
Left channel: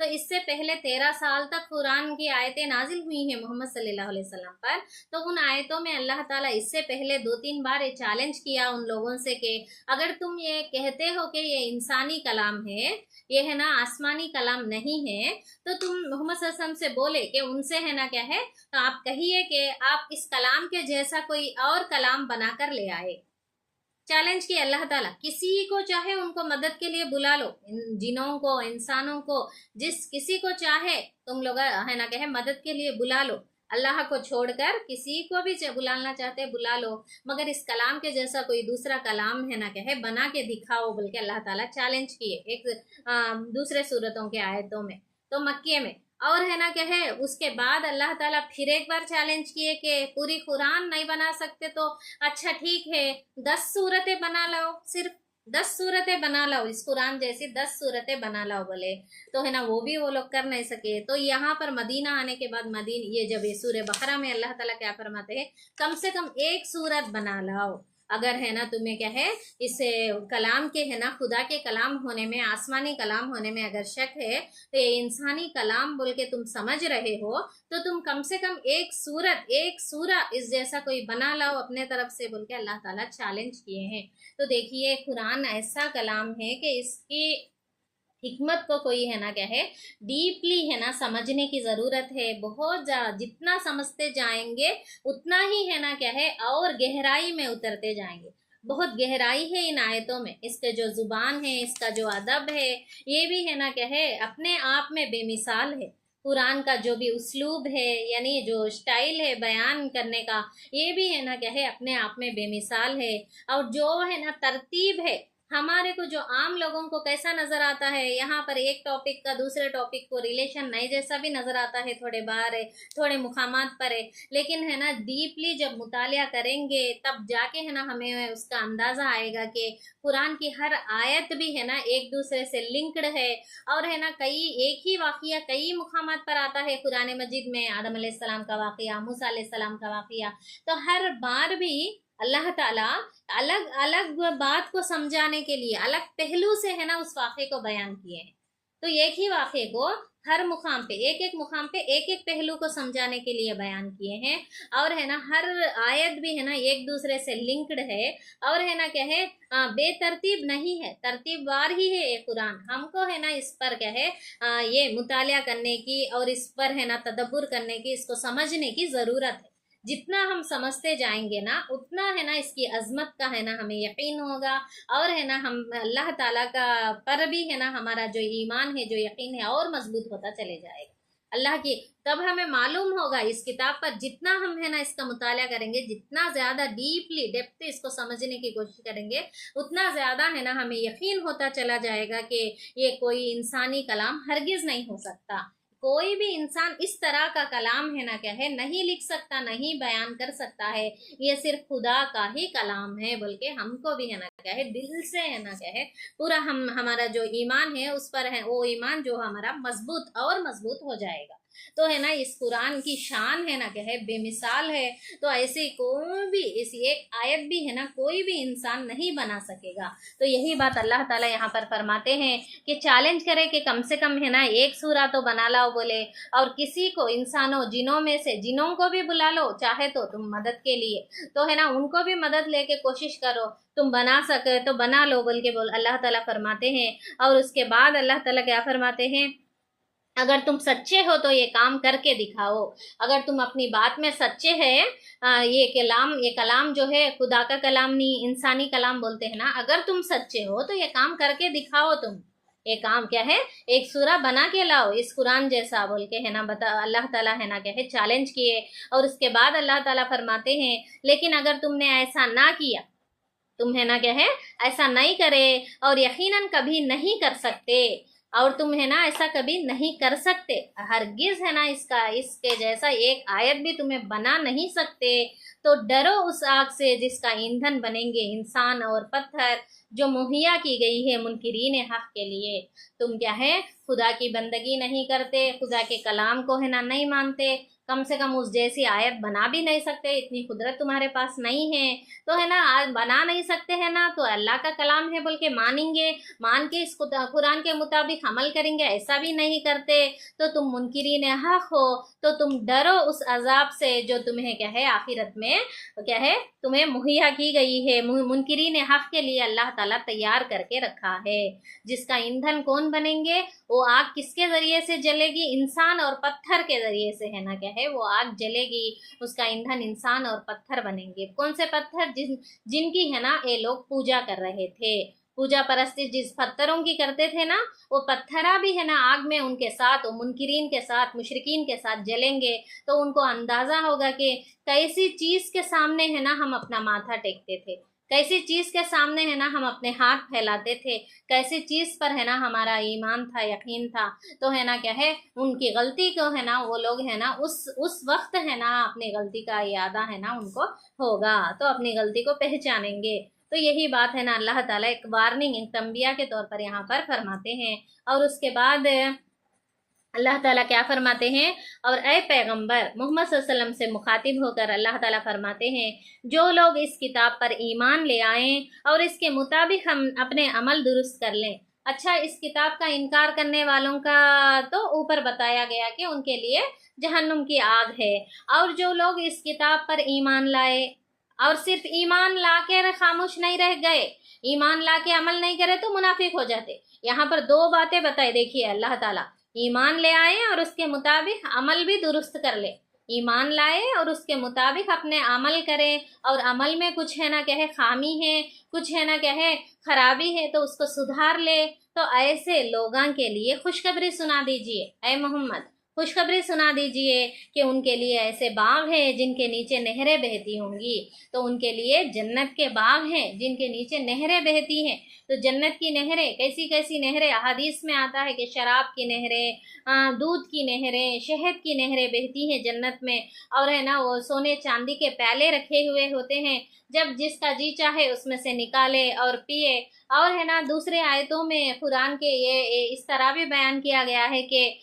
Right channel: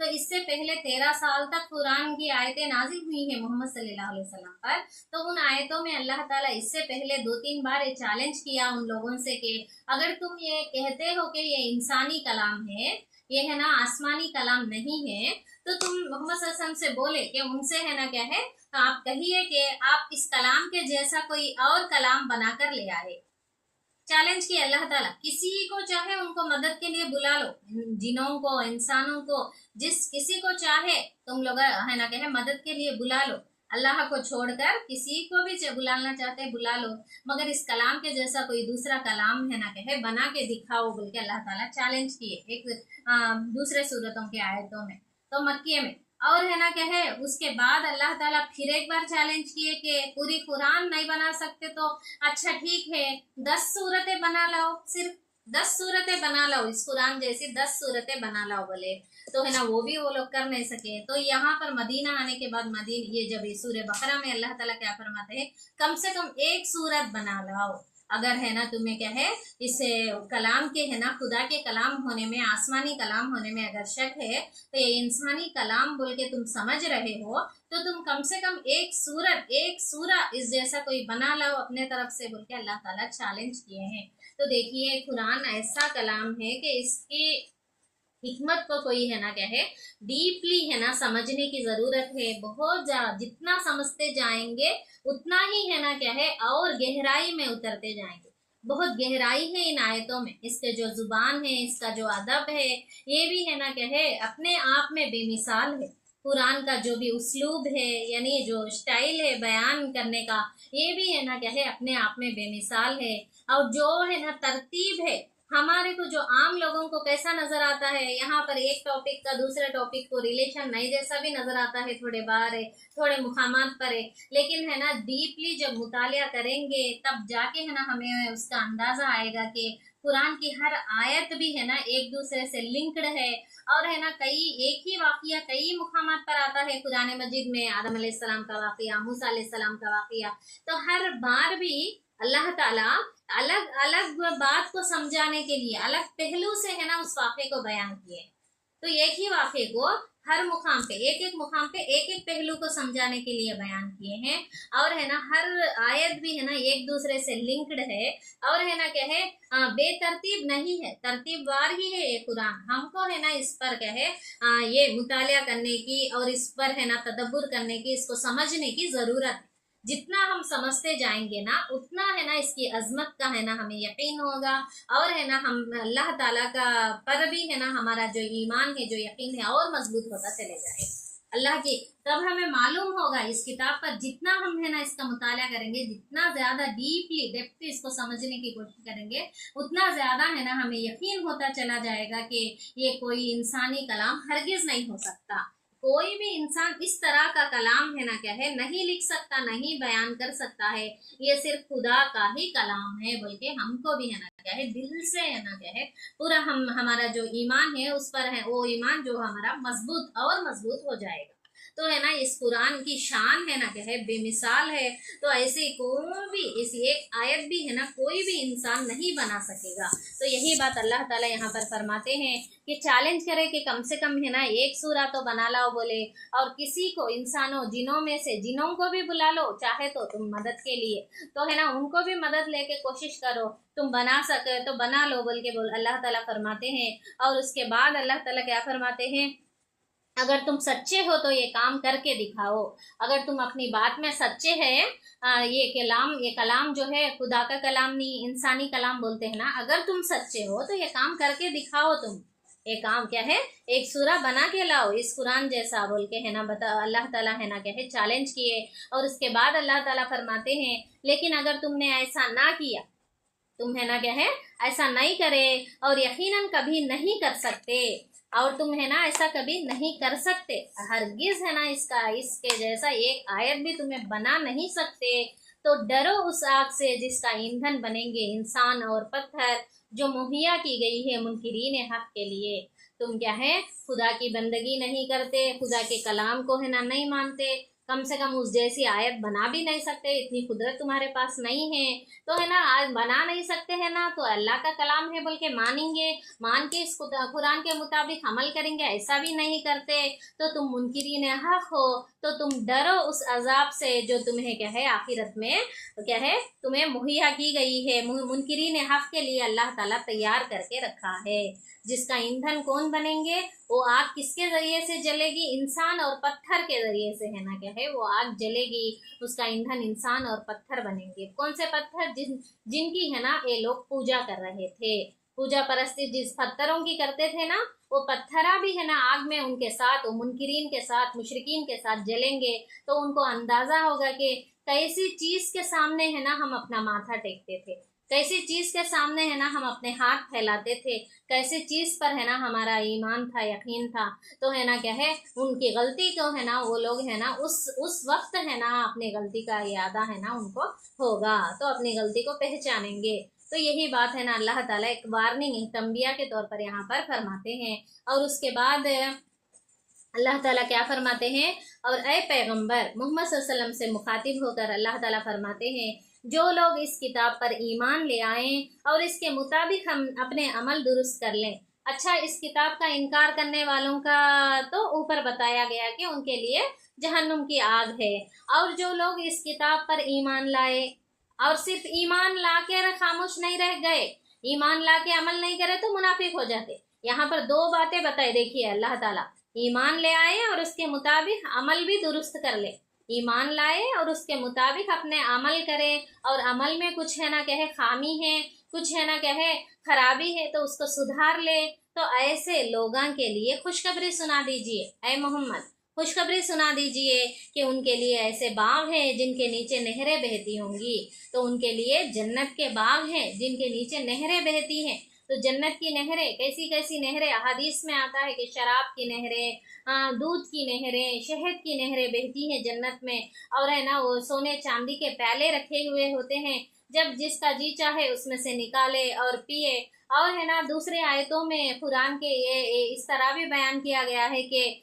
तो इससे पहले 13 साल तक कुरान की आयतें नाजिल हुई हैं मोहम्मद सल्लल्लाहु अलैहि वसल्लम पर। तो उन आयतों में अल्लाह ताला इससे पहले 2-3 बार ये चैलेंज किया उन लोगों से कि अगर तुम ये कहते हो कि ये इंसानी कलाम है, ये है ना आसमानी कलाम नहीं है, तो तुम मोहम्मद सल्लल्लाहु अलैहि वसल्लम से बोले कि उनसे है ना क्या है, तो आप कहिए कि आप इस कलाम के जैसा कोई और कलाम बनाकर ले आए। चैलेंज किया अल्लाह ताला, किसी को चाहे उनको मदद के लिए बुला लो, जिनों को इंसानों को जिस किसी को चाहे तुम लोग है ना कहे मदद के लिए बुला लो, अल्लाह को छोड़कर किसी को भी बुलाना चाहते बुला लो, मगर इस कलाम के जैसा कोई दूसरा कलाम है ना कहे बना के दिखाओ, बोल के अल्लाह ताला चैलेंज किए एक दूसरे सूरतों के आयतों में, तो मक्के में। और है ना क्या है उसके बाद अल्लाह ताला फिर एक बार चैलेंज किए कि पूरी कुरान नहीं बना सकते तो अच्छा ठीक है 10 सूरतें बना लाओ, सिर्फ 10 सूरतें बना लाओ, इस कुरान जैसी 10 सूरतें बना लाओ बोले, तो है ना वो भी वो लोग कर नहीं सके। तो यहाँ पर मदीना आने के बाद ये जब ये सूरह बकरा में अल्लाह ताला क्या फरमाते हैं, कम से कम एक सूरत बना लाओ। अगर है ना तुम्हें क्या है इस कलाम के है ना खुदा के कलाम होने में, आसमानी कलाम होने में अगर शक है, तो ये इंसानी कलाम बोल के तुम समझ रहे हो, तो तुम कम से कम एक सूरत एक सूरा इस जैसा कोई बना लाओ अपने तरफ से, बोल के अल्लाह ताला चैलेंज किए हैं। तो देखिए कुरान ऐसा कलाम है कि इसकी हिकमत को कोई है ना क्या है डीपली है ना समझने की ज़रूरत है, बहुत ज़्यादा, जितना समझते जाएंगे उतना ही है ना क्या है और गहराई में उतरते जाएंगे। बहुत गहराई है इन आयतों में, इसके जो ज़ुबान है, इसका जो अदब है, ये भी है ना क्या है अपने आप में बेमिसाल है। कुरान का जो भी उसलूब है यानी जो स्टाइल है बयान करने का, ये भी है ना क्या है अपने आप में बेमिसाल है। और जो है ना तरतीब है हमारे को जो आम लोगों को कैसा नजर आता है, यहाँ पर एक टॉपिक का दूसरे टॉपिक को रिलेशन नहीं जैसा भी नजर आता है, थोड़े बाहर है, थोड़े मुकामात पर है, लेकिन है ना डीपली जब मुतालिया करेंगे तब जाके है ना हमें उसका अंदाजा आएगा कि कुरान की हर आयत भी है ना एक दूसरे से लिंक्ड है। और है ना कई एक ही वाकया कई मुकामात पर आता है कुरान मजीद में, आदम अलैहिस्सलाम का वाकया, मूसा अलैहिस्सलाम का वाकया, तो हर बार भी अल्लाह ताला अलग अलग बात को समझाने के लिए अलग पहलू से है ना उस वाक़े को बयान किए हैं। तो एक ही वाक़े को हर मुकाम पे एक मुकाम पे एक पहलू को समझाने के लिए बयान किए हैं। और है ना हर आयत भी है ना एक दूसरे से लिंक्ड है। और है ना क्या है, बेतरतीब नहीं है, तरतीबवार ही है ये कुरान। हमको है ना इस पर क्या है, ये मुतालिया करने की और इस पर है ना तदब्बुर करने की, इसको समझने की ज़रूरत है। जितना हम समझते जाएंगे ना उतना है ना इसकी अजमत का है ना हमें यकीन होगा। और है ना हम अल्लाह ताला का पर भी है ना हमारा जो ईमान है, जो यकीन है, और मजबूत होता चले जाएगा अल्लाह की। तब हमें मालूम होगा इस किताब पर जितना हम है ना इसका मुताला करेंगे, जितना ज़्यादा डीपली डेप्थ इसको समझने की कोशिश करेंगे, उतना ज़्यादा है ना हमें यकीन होता चला जाएगा कि ये कोई इंसानी कलाम हरगिज़ नहीं हो सकता। कोई भी इंसान इस तरह का कलाम है ना क्या है नहीं लिख सकता, नहीं बयान कर सकता है। ये सिर्फ खुदा का ही कलाम है, बल्कि हमको भी है ना क्या है दिल से है ना क्या है पूरा हम हमारा जो ईमान है उस पर है, वो ईमान जो हमारा मजबूत और मजबूत हो जाएगा। तो है ना इस कुरान की शान है ना क्या है बेमिसाल है। तो ऐसे कोई भी इस एक आयत भी है ना कोई भी इंसान नहीं बना सकेगा। तो यही बात अल्लाह ताला यहाँ पर फरमाते हैं कि चैलेंज करे कि कम से कम है ना एक सूरा तो बना लाओ बोले, और किसी को इंसानों जिनों में से जिनों को भी बुला लो चाहे तो तुम मदद के लिए, तो है ना उनको भी मदद लेके कोशिश करो, तुम बना सके तो बना लो बोल के बोल अल्लाह ताला फरमाते हैं। और उसके बाद अल्लाह ताला क्या फरमाते हैं, अगर तुम सच्चे हो तो ये काम करके दिखाओ। अगर तुम अपनी बात में सच्चे हैं, ये कलाम जो है खुदा का कलाम नहीं इंसानी कलाम बोलते हैं ना, अगर तुम सच्चे हो तो ये काम करके दिखाओ। तुम ये काम क्या है, एक सूरा बना के लाओ इस कुरान जैसा बोल के है ना बता अल्लाह ताला है ना क्या है चैलेंज किए। और उसके बाद अल्लाह ताला फरमाते हैं लेकिन अगर तुमने ऐसा ना किया, तुम है ना क्या है ऐसा नहीं करे और यकीनन कभी नहीं कर सकते, और तुम है ना ऐसा कभी नहीं कर सकते, हरगिज है ना इसके जैसा एक आयत भी तुम्हें बना नहीं सकते, तो डरो उस आग से जिसका ईंधन बनेंगे इंसान और पत्थर, जो मुहैया की गई है मुनकिरीन हक के लिए। तुम क्या है खुदा की बंदगी नहीं करते, खुदा के कलाम को है ना नहीं मानते, कम से कम उस जैसी आयत बना भी नहीं सकते, इतनी कुदरत तुम्हारे पास नहीं है। तो है ना आज बना नहीं सकते हैं ना, तो अल्लाह का कलाम है बोल के मानेंगे, मान के इस कुरान के मुताबिक अमल करेंगे, ऐसा भी नहीं करते, तो तुम मुनकिरीन हक हो। तो तुम डरो उस अजाब से जो तुम्हें क्या है आखिरत में क्या है तुम्हें मुहैया की गई है, मुनकिरीन हक के लिए अल्लाह ताला तैयार करके रखा है। जिसका ईंधन कौन बनेंगे, वो आग किसके जरिए से जलेगी, इंसान और पत्थर के जरिए से है ना क्या है वो आग जलेगी, उसका ईंधन इंसान और पत्थर बनेंगे। कौन से पत्थर, जिनकी है ना ये लोग पूजा कर रहे थे, पूजा परस्ती जिस पत्थरों की करते थे ना, वो पत्थरा भी है ना आग में उनके साथ, वो मुनकिरीन के साथ मुशरिकीन के साथ जलेंगे। तो उनको अंदाजा होगा कि कैसी चीज के सामने है ना हम अपना माथा टेकते थे, कैसी चीज के सामने है ना हम अपने हाथ फैलाते थे, कैसी चीज पर है ना हमारा ईमान था, यकीन था। तो है ना क्या है उनकी गलती को है ना वो लोग है ना उस वक्त है ना अपनी गलती का यादा है ना उनको होगा, तो अपनी गलती को पहचानेंगे। तो यही बात है ना अल्लाह ताला एक वार्निंग एक तंबिया के तौर पर यहाँ पर फरमाते हैं। और उसके बाद अल्लाह ताला क्या फरमाते हैं, और ए पैगंबर मोहम्मद सल्लल्लाहु अलैहि वसल्लम से मुखातिब होकर अल्लाह ताला फरमाते हैं, जो लोग इस किताब पर ईमान ले आएं और इसके मुताबिक हम अपने अमल दुरुस्त कर लें। अच्छा, इस किताब का इनकार करने वालों का तो ऊपर बताया गया कि उनके लिए जहन्नुम की आग है। और जो लोग इस किताब पर ईमान लाए और सिर्फ ईमान ला के खामोश नहीं रह गए, ईमान ला के अमल नहीं करे तो मुनाफिक हो जाते। यहाँ पर दो बातें बताई, देखिए अल्लाह ताला ईमान ले आए और उसके मुताबिक अमल भी दुरुस्त कर ले, ईमान लाए और उसके मुताबिक अपने अमल करें, और अमल में कुछ है ना क्या है खामी है, कुछ है ना क्या है खराबी है, तो उसको सुधार ले। तो ऐसे लोगों के लिए खुशखबरी सुना दीजिए, ऐ मोहम्मद खुशखबरी सुना दीजिए कि उनके लिए ऐसे बाग हैं जिनके नीचे नहरें बहती होंगी। तो उनके लिए जन्नत के बाग हैं जिनके नीचे नहरें बहती हैं। तो जन्नत की नहरें, कैसी कैसी नहरें, हदीस में आता है कि शराब की नहरें, दूध की नहरें, शहद की नहरें बहती हैं जन्नत में। और है ना वो सोने चांदी के प्याले रखे हुए होते हैं, जब जिसका जी चाहे उसमें से निकाले और पिए। और है ना दूसरे आयतों में कुरान के ये इस तरह भी बयान किया गया है कि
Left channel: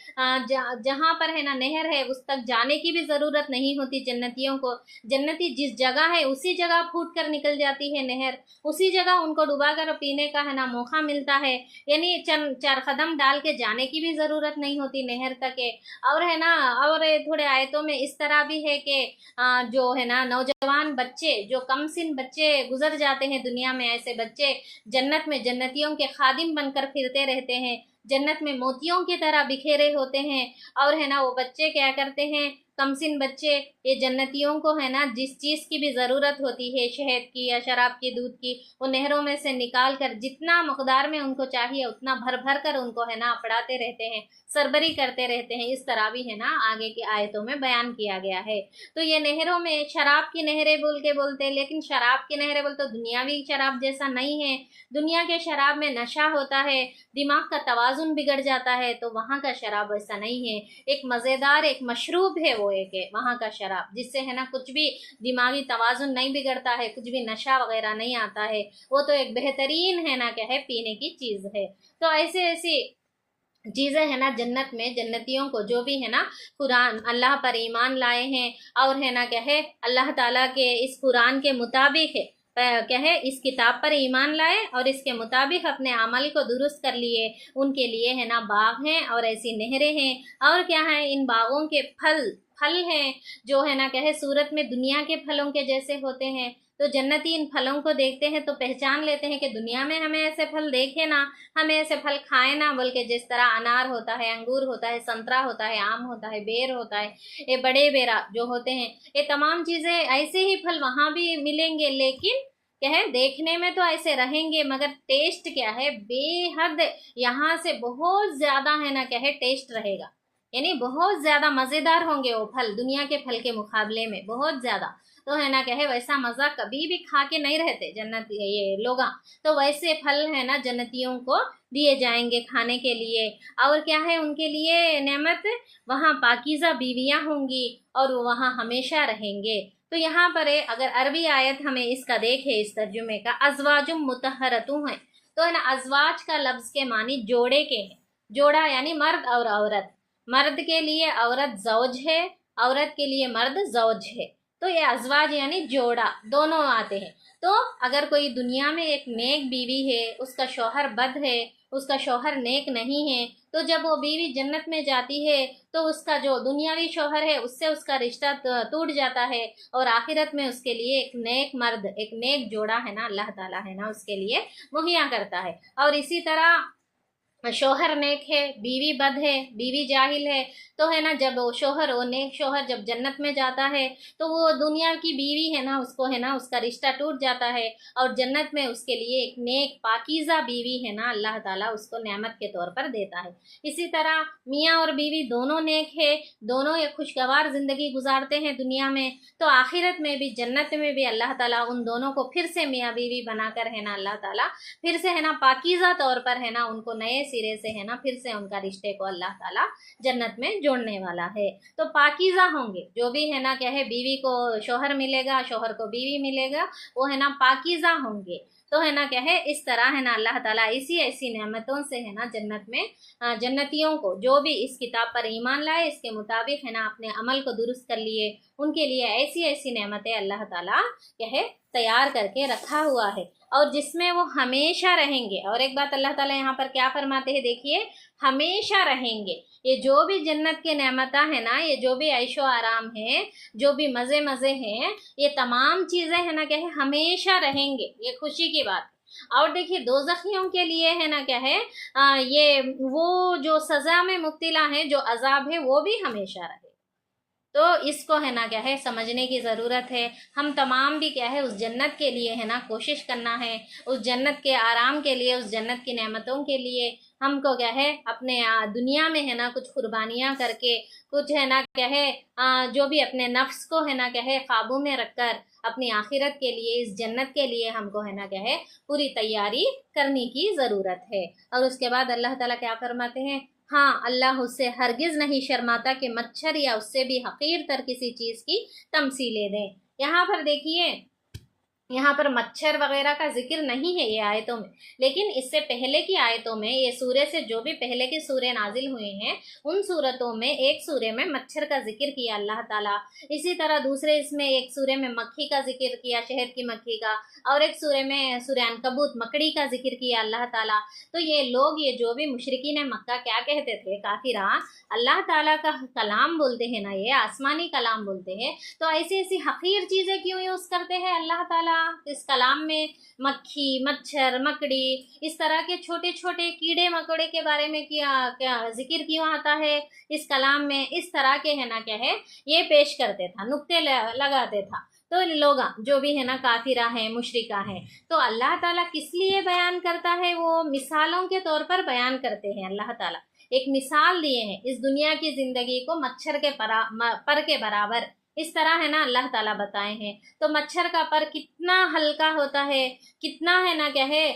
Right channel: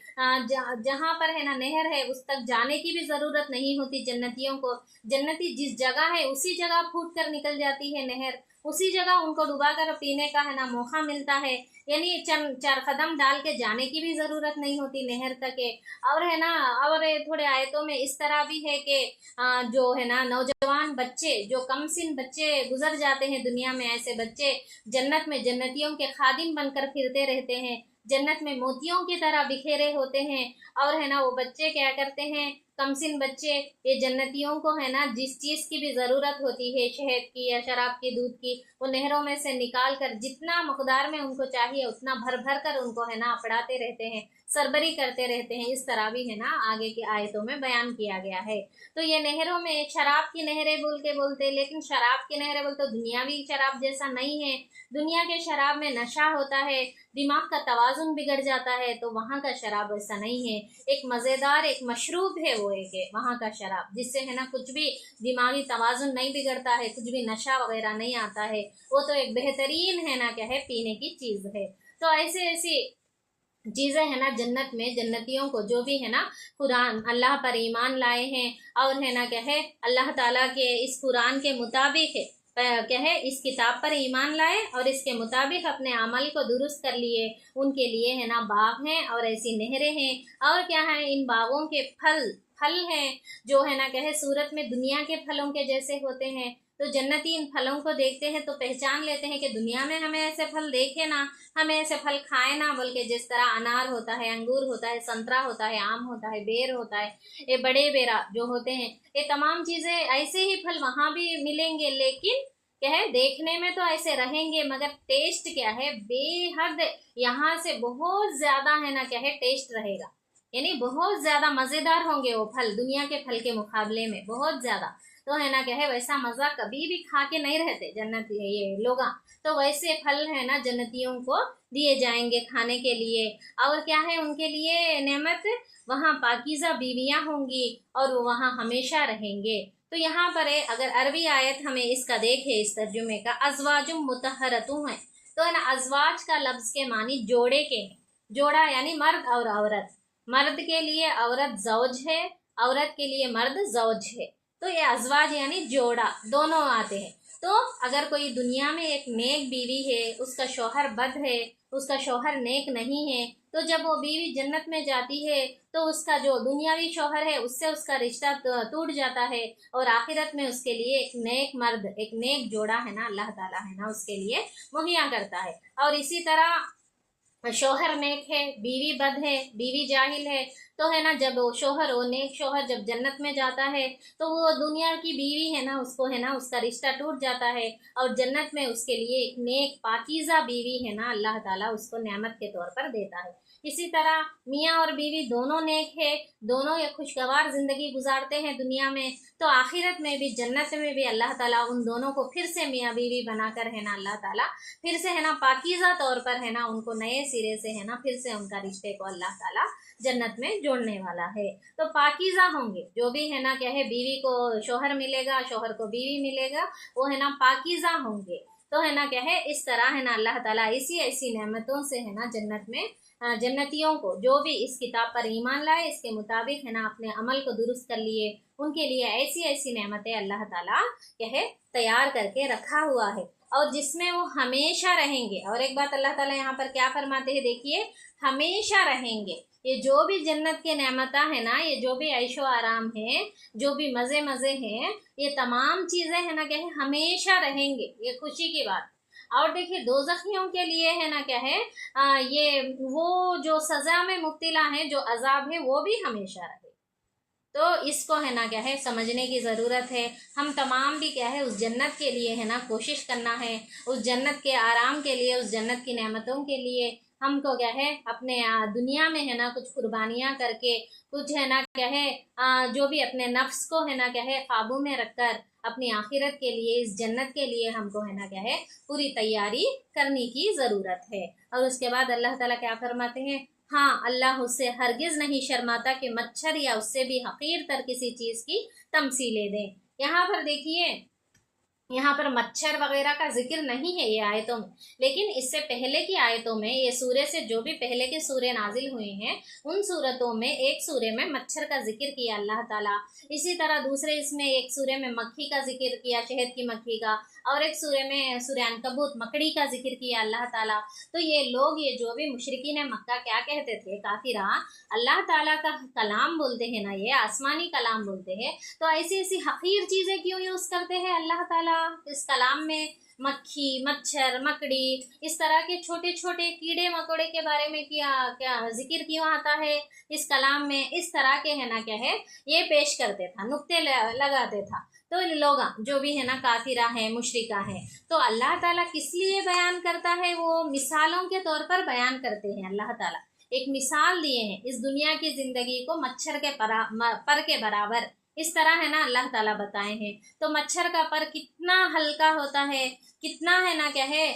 जहाँ पर है ना नहर है उस तक जाने की भी ज़रूरत नहीं होती जन्नतियों को। जन्नती जिस जगह है उसी जगह फूट कर निकल जाती है नहर, उसी जगह उनको डुबा कर पीने का है ना मौका मिलता है। यानी चार कदम डाल के जाने की भी ज़रूरत नहीं होती नहर तक है। और है ना और थोड़े आयतों में इस तरह भी है कि जो है ना नौजवान बच्चे, जो कम सिन बच्चे गुजर जाते हैं दुनिया में, ऐसे बच्चे जन्नत में जन्नतियों के खादिम बनकर फिरते रहते हैं, जन्नत में मोतियों की तरह बिखेरे होते हैं। और है ना वो बच्चे क्या करते हैं, कमसिन बच्चे, ये जन्नतियों को है ना जिस चीज़ की भी ज़रूरत होती है, शहद की या शराब की, दूध की, वो नहरों में से निकाल कर जितना मकदार में उनको चाहिए उतना भर भर कर उनको है ना अपड़ाते रहते हैं, सरबरी करते रहते हैं। इस तरह भी है ना आगे की आयतों में बयान किया गया है। तो ये नहरों में शराब की नहरें बोल के बोलते हैं, लेकिन शराब की नहरें बोलते तो दुनियावी शराब जैसा नहीं है। दुनिया के शराब में नशा होता है, दिमाग का तवाजुन बिगड़ जाता है, तो वहाँ का शराब वैसा नहीं है। एक मज़ेदार एक मशरूब है वो, एक है वहाँ का शराब, जिससे है ना कुछ भी दिमागी तवाजुन नहीं बिगड़ता है, कुछ भी नशा वगैरह नहीं आता है। वो तो एक बेहतरीन है ना क्या है पीने की चीज़ है। तो ऐसे ऐसी चीज़ें है ना जन्नत में जन्नतियों को, जो भी है ना कुरान अल्लाह पर ईमान लाए हैं और है ना क्या है अल्लाह ताला के इस कुरान के मुताबिक है, क्या है इस किताब पर ईमान लाए और इसके मुताबिक अपने अमल को दुरुस्त कर लिए, उनके लिए है ना बाग हैं और ऐसी नहरें हैं। और क्या है, इन बागों के फल फल हैं जो है ना क्या है सूरत में दुनिया के फलों के जैसे होते हैं। तो जन्नती इन फलों को देखते हैं तो पहचान लेते हैं कि दुनिया में हमें ऐसे फल देखे ना, हमें ऐसे फल खाए ना, बोल के जिस तरह अनार होता है, अंगूर होता है, संतरा होता है, आम होता है, बेर होता है, ये बड़े बेरा जो होते हैं, ये तमाम चीज़ें ऐसे ही फल वहाँ भी मिलेंगे, लेकिन क्या है देखने में तो ऐसे रहेंगे मगर टेस्ट क्या है बेहद यहाँ से बहुत ज़्यादा है ना क्या है टेस्ट रहेगा। यानी बहुत ज़्यादा मज़ेदार होंगे वो फल, दुनिया के फल के मुकाबले में बहुत ज़्यादा। तो है ना क्या है वैसा मज़ा कभी भी खा के नहीं रहते जन्नत ये लोग। तो वैसे फल है ना जन्नतियों को दिए जाएंगे खाने के लिए। और क्या है उनके लिए नेमत, वहाँ पाकीज़ा बीवियाँ होंगी और वो वहाँ हमेशा रहेंगे। तो यहाँ पर है अगर अरबी आयत हमें इसका देखे इस तर्जुमे का, अजवाजुम मुतहरतु है, तो है ना अजवाज का लफ्ज़ के मानी जोड़े के हैं। जोड़ा यानी मर्द और औरत, मर्द के लिए औरत जौज है, औरत के लिए मर्द जौज है। तो ये अजवाज यानी जोड़ा दोनों आते हैं। तो अगर कोई दुनिया में एक नेक बीवी है, उसका शौहर बद है, उसका शौहर नेक नहीं है, तो जब वो बीवी जन्नत में जाती है तो उसका जो दुनियावी शौहर है उससे उसका रिश्ता टूट जाता है और आखिरत में उसके लिए एक नेक मर्द, एक नेक जोड़ा है ना अल्लाह ताला है ना उसके लिए मुहैया करता है। और इसी तरह शौहर नेक है, बीवी बद है, बीवी जाहिल है, तो है ना जब वो शौहर, वो नेक शौहर जब जन्नत में जाता है तो वो दुनिया की बीवी है ना उसको है ना उसका रिश्ता टूट जाता है और जन्नत में उसके लिए एक नेक पाकीज़ा बीवी है ना अल्लाह ताला उसको नेमत के तौर पर देता है। इसी तरह मियाँ और बीवी दोनों नेक है, दोनों ये खुशगवार ज़िंदगी गुजारते हैं दुनिया में, तो आखिरत में भी जन्नत में भी अल्लाह ताला उन दोनों को फिर से मियाँ बीवी बनाकर है ना अल्लाह ताला फिर से है ना पाकीज़ा तौर पर है ना उनको नए सिरे से है ना फिर से उनका रिश्ते को अल्लाह ताला जन्नत में जोड़ने वाला है। तो पाकीज़ा होंगे जो भी है ना क्या है, बीवी को शौहर मिलेगा, शौहर को बीवी मिलेगा, वो है ना पाकीज़ा होंगे। तो है ना क्या है इस तरह है ना अल्लाह ताला इसी ऐसी नेमतों से है ना जन्नत में जन्नतियों को, जो भी इस किताब पर ईमान लाए, इसके मुताबिक है ना अपने अमल को दुरुस्त कर लिए, उनके लिए ऐसी ऐसी नेमतें अल्लाह ताला क्या है तैयार करके रखा हुआ है और जिसमें वो हमेशा रहेंगे। और एक बात अल्लाह ताला यहाँ पर क्या फरमाते हैं देखिए, हमेशा रहेंगे। ये जो भी जन्नत के नेमता है ना, ये जो भी ऐशो आराम है, जो भी मज़े मज़े हैं, ये तमाम चीज़ें है ना क्या है हमेशा रहेंगे, ये खुशी की बात। और देखिए दोज़खियों के लिए है ना क्या है ये वो जो सज़ा में मुब्तला है, जो अजाब है, वो भी हमेशा रहे। तो इसको है ना क्या है समझने की ज़रूरत है। हम तमाम भी क्या है उस जन्नत के लिए है ना कोशिश करना है, उस जन्नत के आराम के लिए, उस जन्नत की नेमतों के लिए हमको क्या है अपने दुनिया में है ना कुछ कुर्बानियां करके, कुछ है ना क्या है जो भी अपने नफ्स को है ना क्या है काबू में रखकर अपनी आखिरत के लिए, इस जन्नत के लिए हमको है ना क्या है पूरी तैयारी करने की ज़रूरत है। और उसके बाद अल्लाह ताला क्या फरमाते हैं, हाँ अल्लाह उससे हरगिज़ नहीं शर्माता कि मच्छर या उससे भी हकीर तर किसी चीज़ की तमसीलें दें। यहाँ पर देखिए, यहाँ पर मच्छर वगैरह का जिक्र नहीं है ये आयतों में, लेकिन इससे पहले की आयतों में, ये सूरे से जो भी पहले के सूरे नाजिल हुए हैं उन सूरतों में एक सूरे में मच्छर का जिक्र किया अल्लाह ताला, इसी तरह दूसरे इसमें एक सूरे में मक्खी का जिक्र किया, शहद की मक्खी का, और एक सूरे में सूरे अनकबूत मकड़ी का जिक्र किया अल्लाह ताला। तो ये लोग, ये जो भी मुशरिकीन मक्का क्या कहते थे, काफिरा अल्लाह ताला का कलाम बोलते हैं ना, ये आसमानी कलाम बोलते हैं, तो ऐसी ऐसी हकीर चीज़ें क्यों यूज़ करते हैं अल्लाह ताला इस कलाम में? मक्खी, मच्छर, मकड़ी, इस तरह के छोटे छोटे कीड़े मकोड़े के बारे में क्या क्या जिक्र क्यों आता है इस कलाम में? इस तरह के है ना क्या है ये पेश करते था, नुक्ते लगाते था। तो लोग जो भी है ना काफिरा है, मुशरिका है, तो अल्लाह ताला किस लिए बयान करता है? वो मिसालों के तौर पर बयान करते हैं। अल्लाह ताला एक मिसाल दिए हैं इस दुनिया की जिंदगी को मच्छर के पर के बराबर, इस तरह है ना अल्लाह ताला बताए हैं। तो मच्छर का पर कितना हल्का होता है, कितना है ना क्या है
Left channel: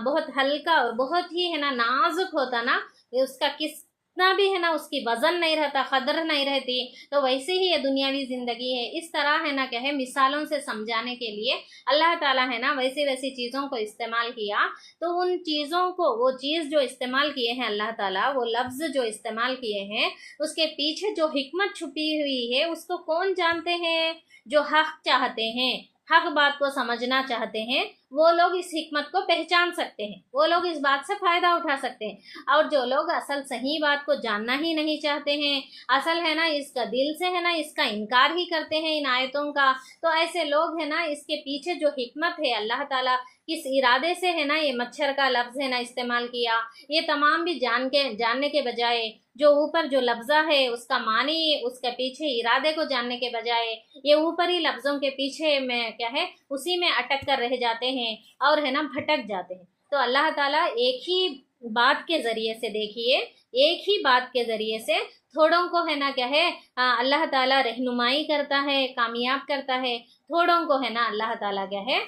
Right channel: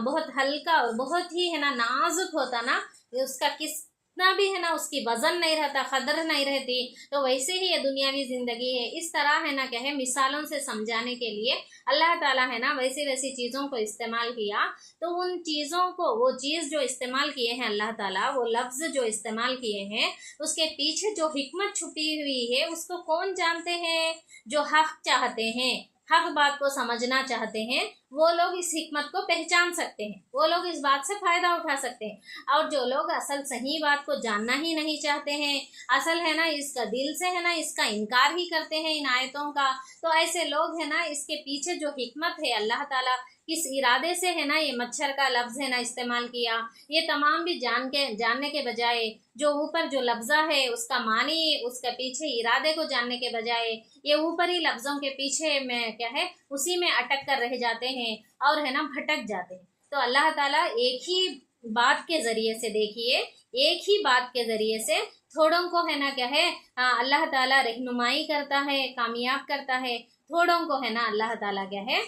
बहुत हल्का और बहुत ही है ना नाजुक होता ना, उसका कितना भी है ना उसकी वजन नहीं रहता, कदर नहीं रहती। तो वैसे ही ये दुनियावी जिंदगी है, इस तरह है ना क्या है मिसालों से समझाने के लिए अल्लाह ताला है ना वैसी वैसी चीज़ों को इस्तेमाल किया। तो उन चीज़ों को, वो चीज़ जो इस्तेमाल किए हैं अल्लाह ताला, वो लफ्ज़ जो इस्तेमाल किए हैं, उसके पीछे जो हिकमत छुपी हुई है उसको कौन जानते हैं? जो हक चाहते हैं, हक बात को समझना चाहते हैं, वो लोग इस हिकमत को पहचान सकते हैं, वो लोग इस बात से फ़ायदा उठा सकते हैं। और जो लोग असल सही बात को जानना ही नहीं चाहते हैं, असल है ना इसका दिल से है ना इसका इनकार ही करते हैं इन आयतों का, तो ऐसे लोग है ना इसके पीछे जो हिकमत है अल्लाह ताला किस इरादे से है ना ये मच्छर का लफ्ज़ है ना इस्तेमाल किया, ये तमाम भी जानने के बजाय, जो ऊपर जो लफ्ज़ा है उसका मानी, उसके पीछे इरादे को जानने के बजाय ये ऊपरी लफ्ज़ों के पीछे में क्या है उसी में अटक कर रह जाते हैं और है ना भटक जाते हैं। तो अल्लाह ताला एक ही बात के ज़रिए से, देखिए एक ही बात के ज़रिए से थोड़ों को है ना क्या है अल्लाह ताला रहनुमाई करता है, कामयाब करता है, थोड़ों को है ना अल्लाह ताला क्या है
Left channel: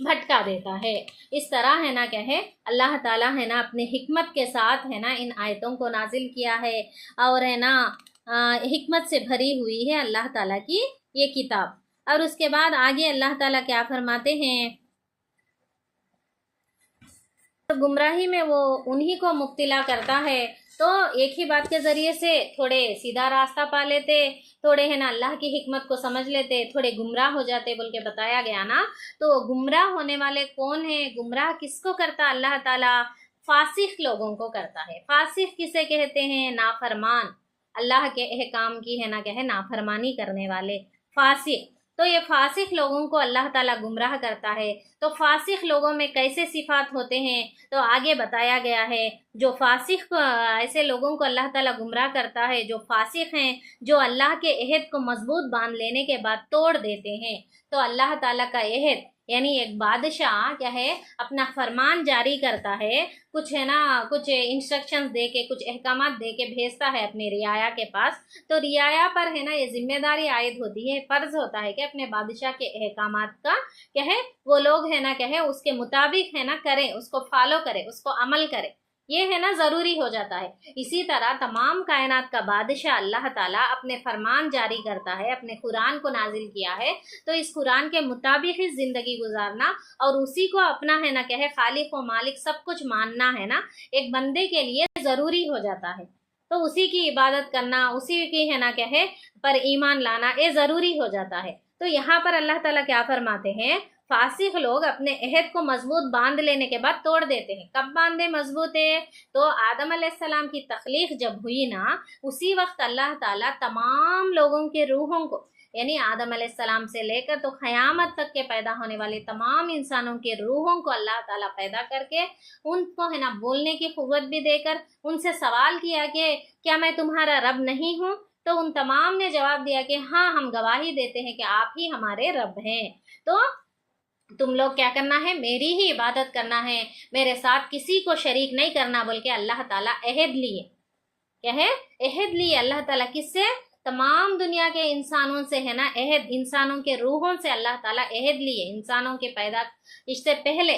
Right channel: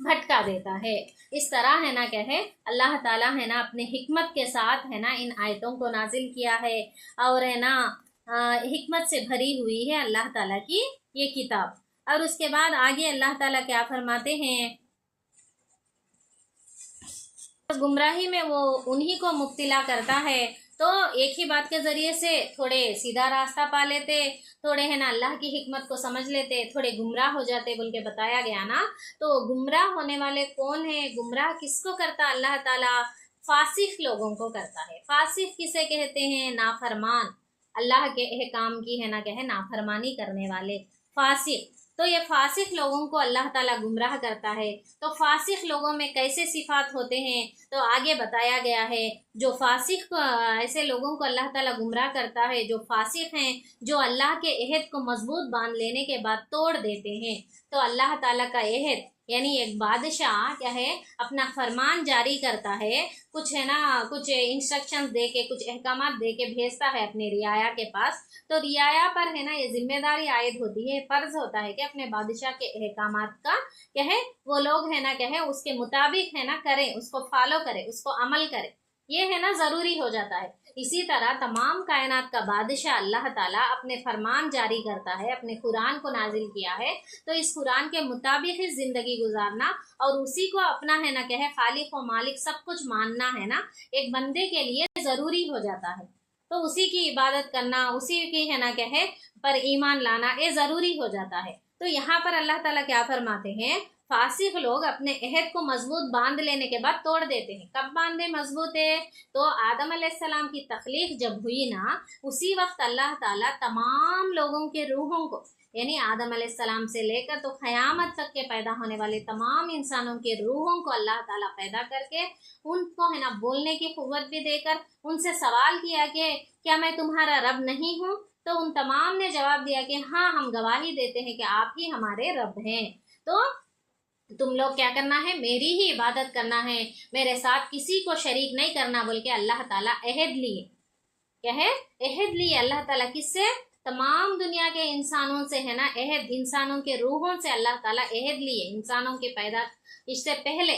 भटका देता है। इस तरह है ना क्या है अल्लाह ताला है ना अपने हिकमत के साथ है ना इन आयतों को नाजिल किया है, और है ना हिकमत से भरी हुई है अल्लाह ताला की ये किताब। और उसके बाद आगे अल्लाह ताला क्या फरमाते हैं, तो गुमराही में वो उन्हीं को मुब्तला करता है। तो एक ही बात के ज़रिए से थोड़े सीधा रास्ता पा लेते, थोड़े है ना अल्लाह की हिकमत को समझ लेते, थोड़े गुमराह हो जाते बोल के बताया गया ना। तो गुमराह होने वाले कौन है? गुमराह किसको करता अल्लाह ताला? फासिक लोगों को करता है। फासिक किसे कहते हैं? नाफरमान, अल्लाह के अहकाम की है ना क्या है नाफरमानी करने वाले, फासिक। तो ये फासिक लोगों को अल्लाह ताला गुमराह करता है। तो फासिक लोगों में कैसे सिफात होते हैं? तो आगे बताया गया है, जो फासिक ऐसे लोगों को अल्लाह ताला गुमराह करता है जो फासिक हैं, जो अल्लाह के अहद को मजबूत बांध लेने के बाद तोड़ देते हैं। तो अल्लाह ताला का अहद, यानी एक बादशाह क्या है अपना फरमान जारी करता है, कुछ है ना कुछ इंस्ट्रक्शंस दे के, कुछ अहकामात दे के भेजता है अपने रियाया के पास। तो रियाया पर है ना ये जिम्मेदारी आयद होती है, फर्ज होता है कि अपने बादशाह के अहकामात का क्या है वो लोग है ना क्या है उसके मुताबिक है ना करें, उसको फॉलो करें, उसको अमल करें, ये है ना ज़रूरी हो जाता है। इसी तरह तमाम कायनात का बादशाह अल्लाह ताला अपने फरमान जारी करता है, अपने कुरान को नाजिल किया है, तो इस कुरान के मुताबिक ही ज़िंदगी गुजारना और उसी को अपना है ना क्या है खालिक व मालिक सब कुछ मानना है ना एक बंदे के लिए ज़रूरी हो जाता है। तो उसी की इबादत करना, उसी की है ना क्या है पर ईमान लाना ये ज़रूरी हो जाता है। तो यहाँ पर अल्लाह ताला क्या फरमाते हैं, फासिक लोग अपने अहद को मजबूत बांध लेने के बाद तोड़ देते हैं। कब बांधे मजबूत है? तो आदम अलैहिस्सलाम की तख्लीक जब हुई ना, उसी वक्त अल्लाह ताला तमाम लोगों के रूहों को, यानी आदम अलैहिस्सलाम से लेकर तो क़यामत तक के पैदा होने वाले तमाम इंसानों के रूहों को अल्लाह ताला पैदा करके उनको है ना बोलने की क़ुव्वत भी देकर उनसे सवाल किया कि क्या मैं तुम्हारा रब नहीं हूँ? तो उन तमाम ने जवाब दिया कि हाँ हम गवाही देते हैं कि आप ही हमारे रब हैं। तो तुम लोग क्या करना है, मेरी ही इबादत करना है, मेरे साथ किसी को शरीक नहीं करना बोल के अल्लाह ताला अहद लिए। क्या है, अहद लिए अल्लाह ताला, किससे, तमाम दुनिया के इंसानों से है ना, अहद, इंसानों के रूहों से अल्लाह ताला अहद लिए, इंसानों के पैदा इससे पहले।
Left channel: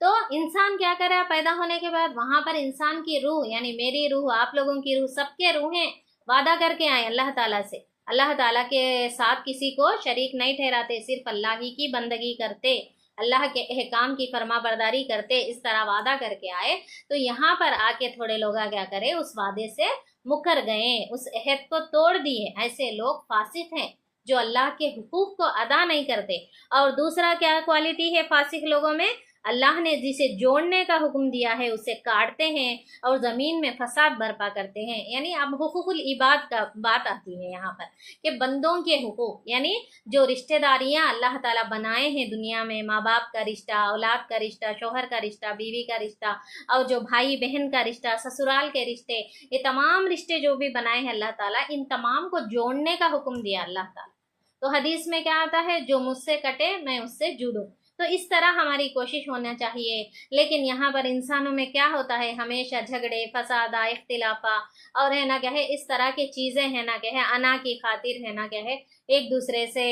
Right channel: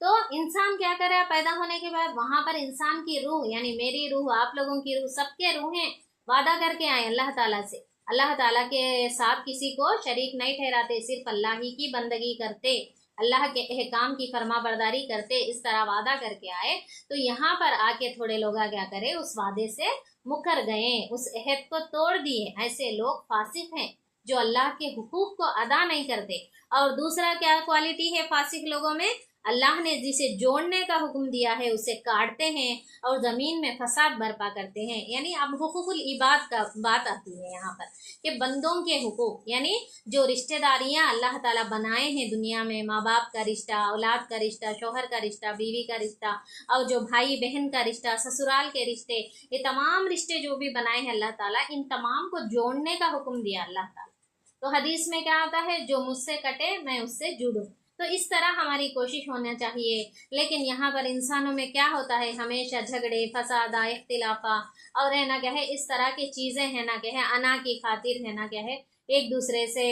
तो इंसान क्या करे, पैदा होने के बाद वहां पर इंसान की रूह, यानी मेरी रूह, आप लोगों की रूह, सबके रूहें वादा करके आए अल्लाह ताला से, अल्लाह ताला के साथ किसी को शरीक नहीं ठहराते, सिर्फ अल्लाह ही की बंदगी करते, अल्लाह के अहकाम की फरमा बरदारी करते, इस तरह वादा करके आए। तो यहाँ पर आके थोड़े लोग क्या करे, उस वादे से मुकर गए, उस अहद को तोड़ दिए। ऐसे लोग फासिक हैं जो अल्लाह के हुकूक को अदा नहीं करते। और दूसरा क्या क्वालिटी है फासिक लोगों में, अल्लाह ने जिसे जोड़ने का हुक्म दिया है उसे काटते हैं और ज़मीन में फसाद बर्पा करते हैं। यानी अब हुकूकुल इबाद का बात आती है यहाँ पर कि बंदों के हुकूक, यानी जो रिश्तेदारियाँ अल्लाह ताला बनाए हैं दुनिया में, माँ बाप का रिश्ता, औलाद का रिश्ता, शौहर का रिश्ता, बीवी का रिश्ता, और जो भाई बहन का रिश्ता, ससुराल के रिश्ते, ये तमाम रिश्ते जो भी बनाए हैं अल्लाह ताला, इन तमाम को जोड़ने का हुक्म दिया अल्लाह ताला। तो हदीस में क्या आता है, जो मुझसे कटे मैं उससे जुड़ूं। तो इस तरह हमारी कोशिश होना चाहिए। लेकिन यहाँ पर इंसानों में क्या होता है, हमेशा झगड़े, फसादा, इख्तिलाफा, और है ना क्या है, इस तरह की चीज़ें है ना क्या है, अना की खातिर है ना क्या है, एक दूसरे से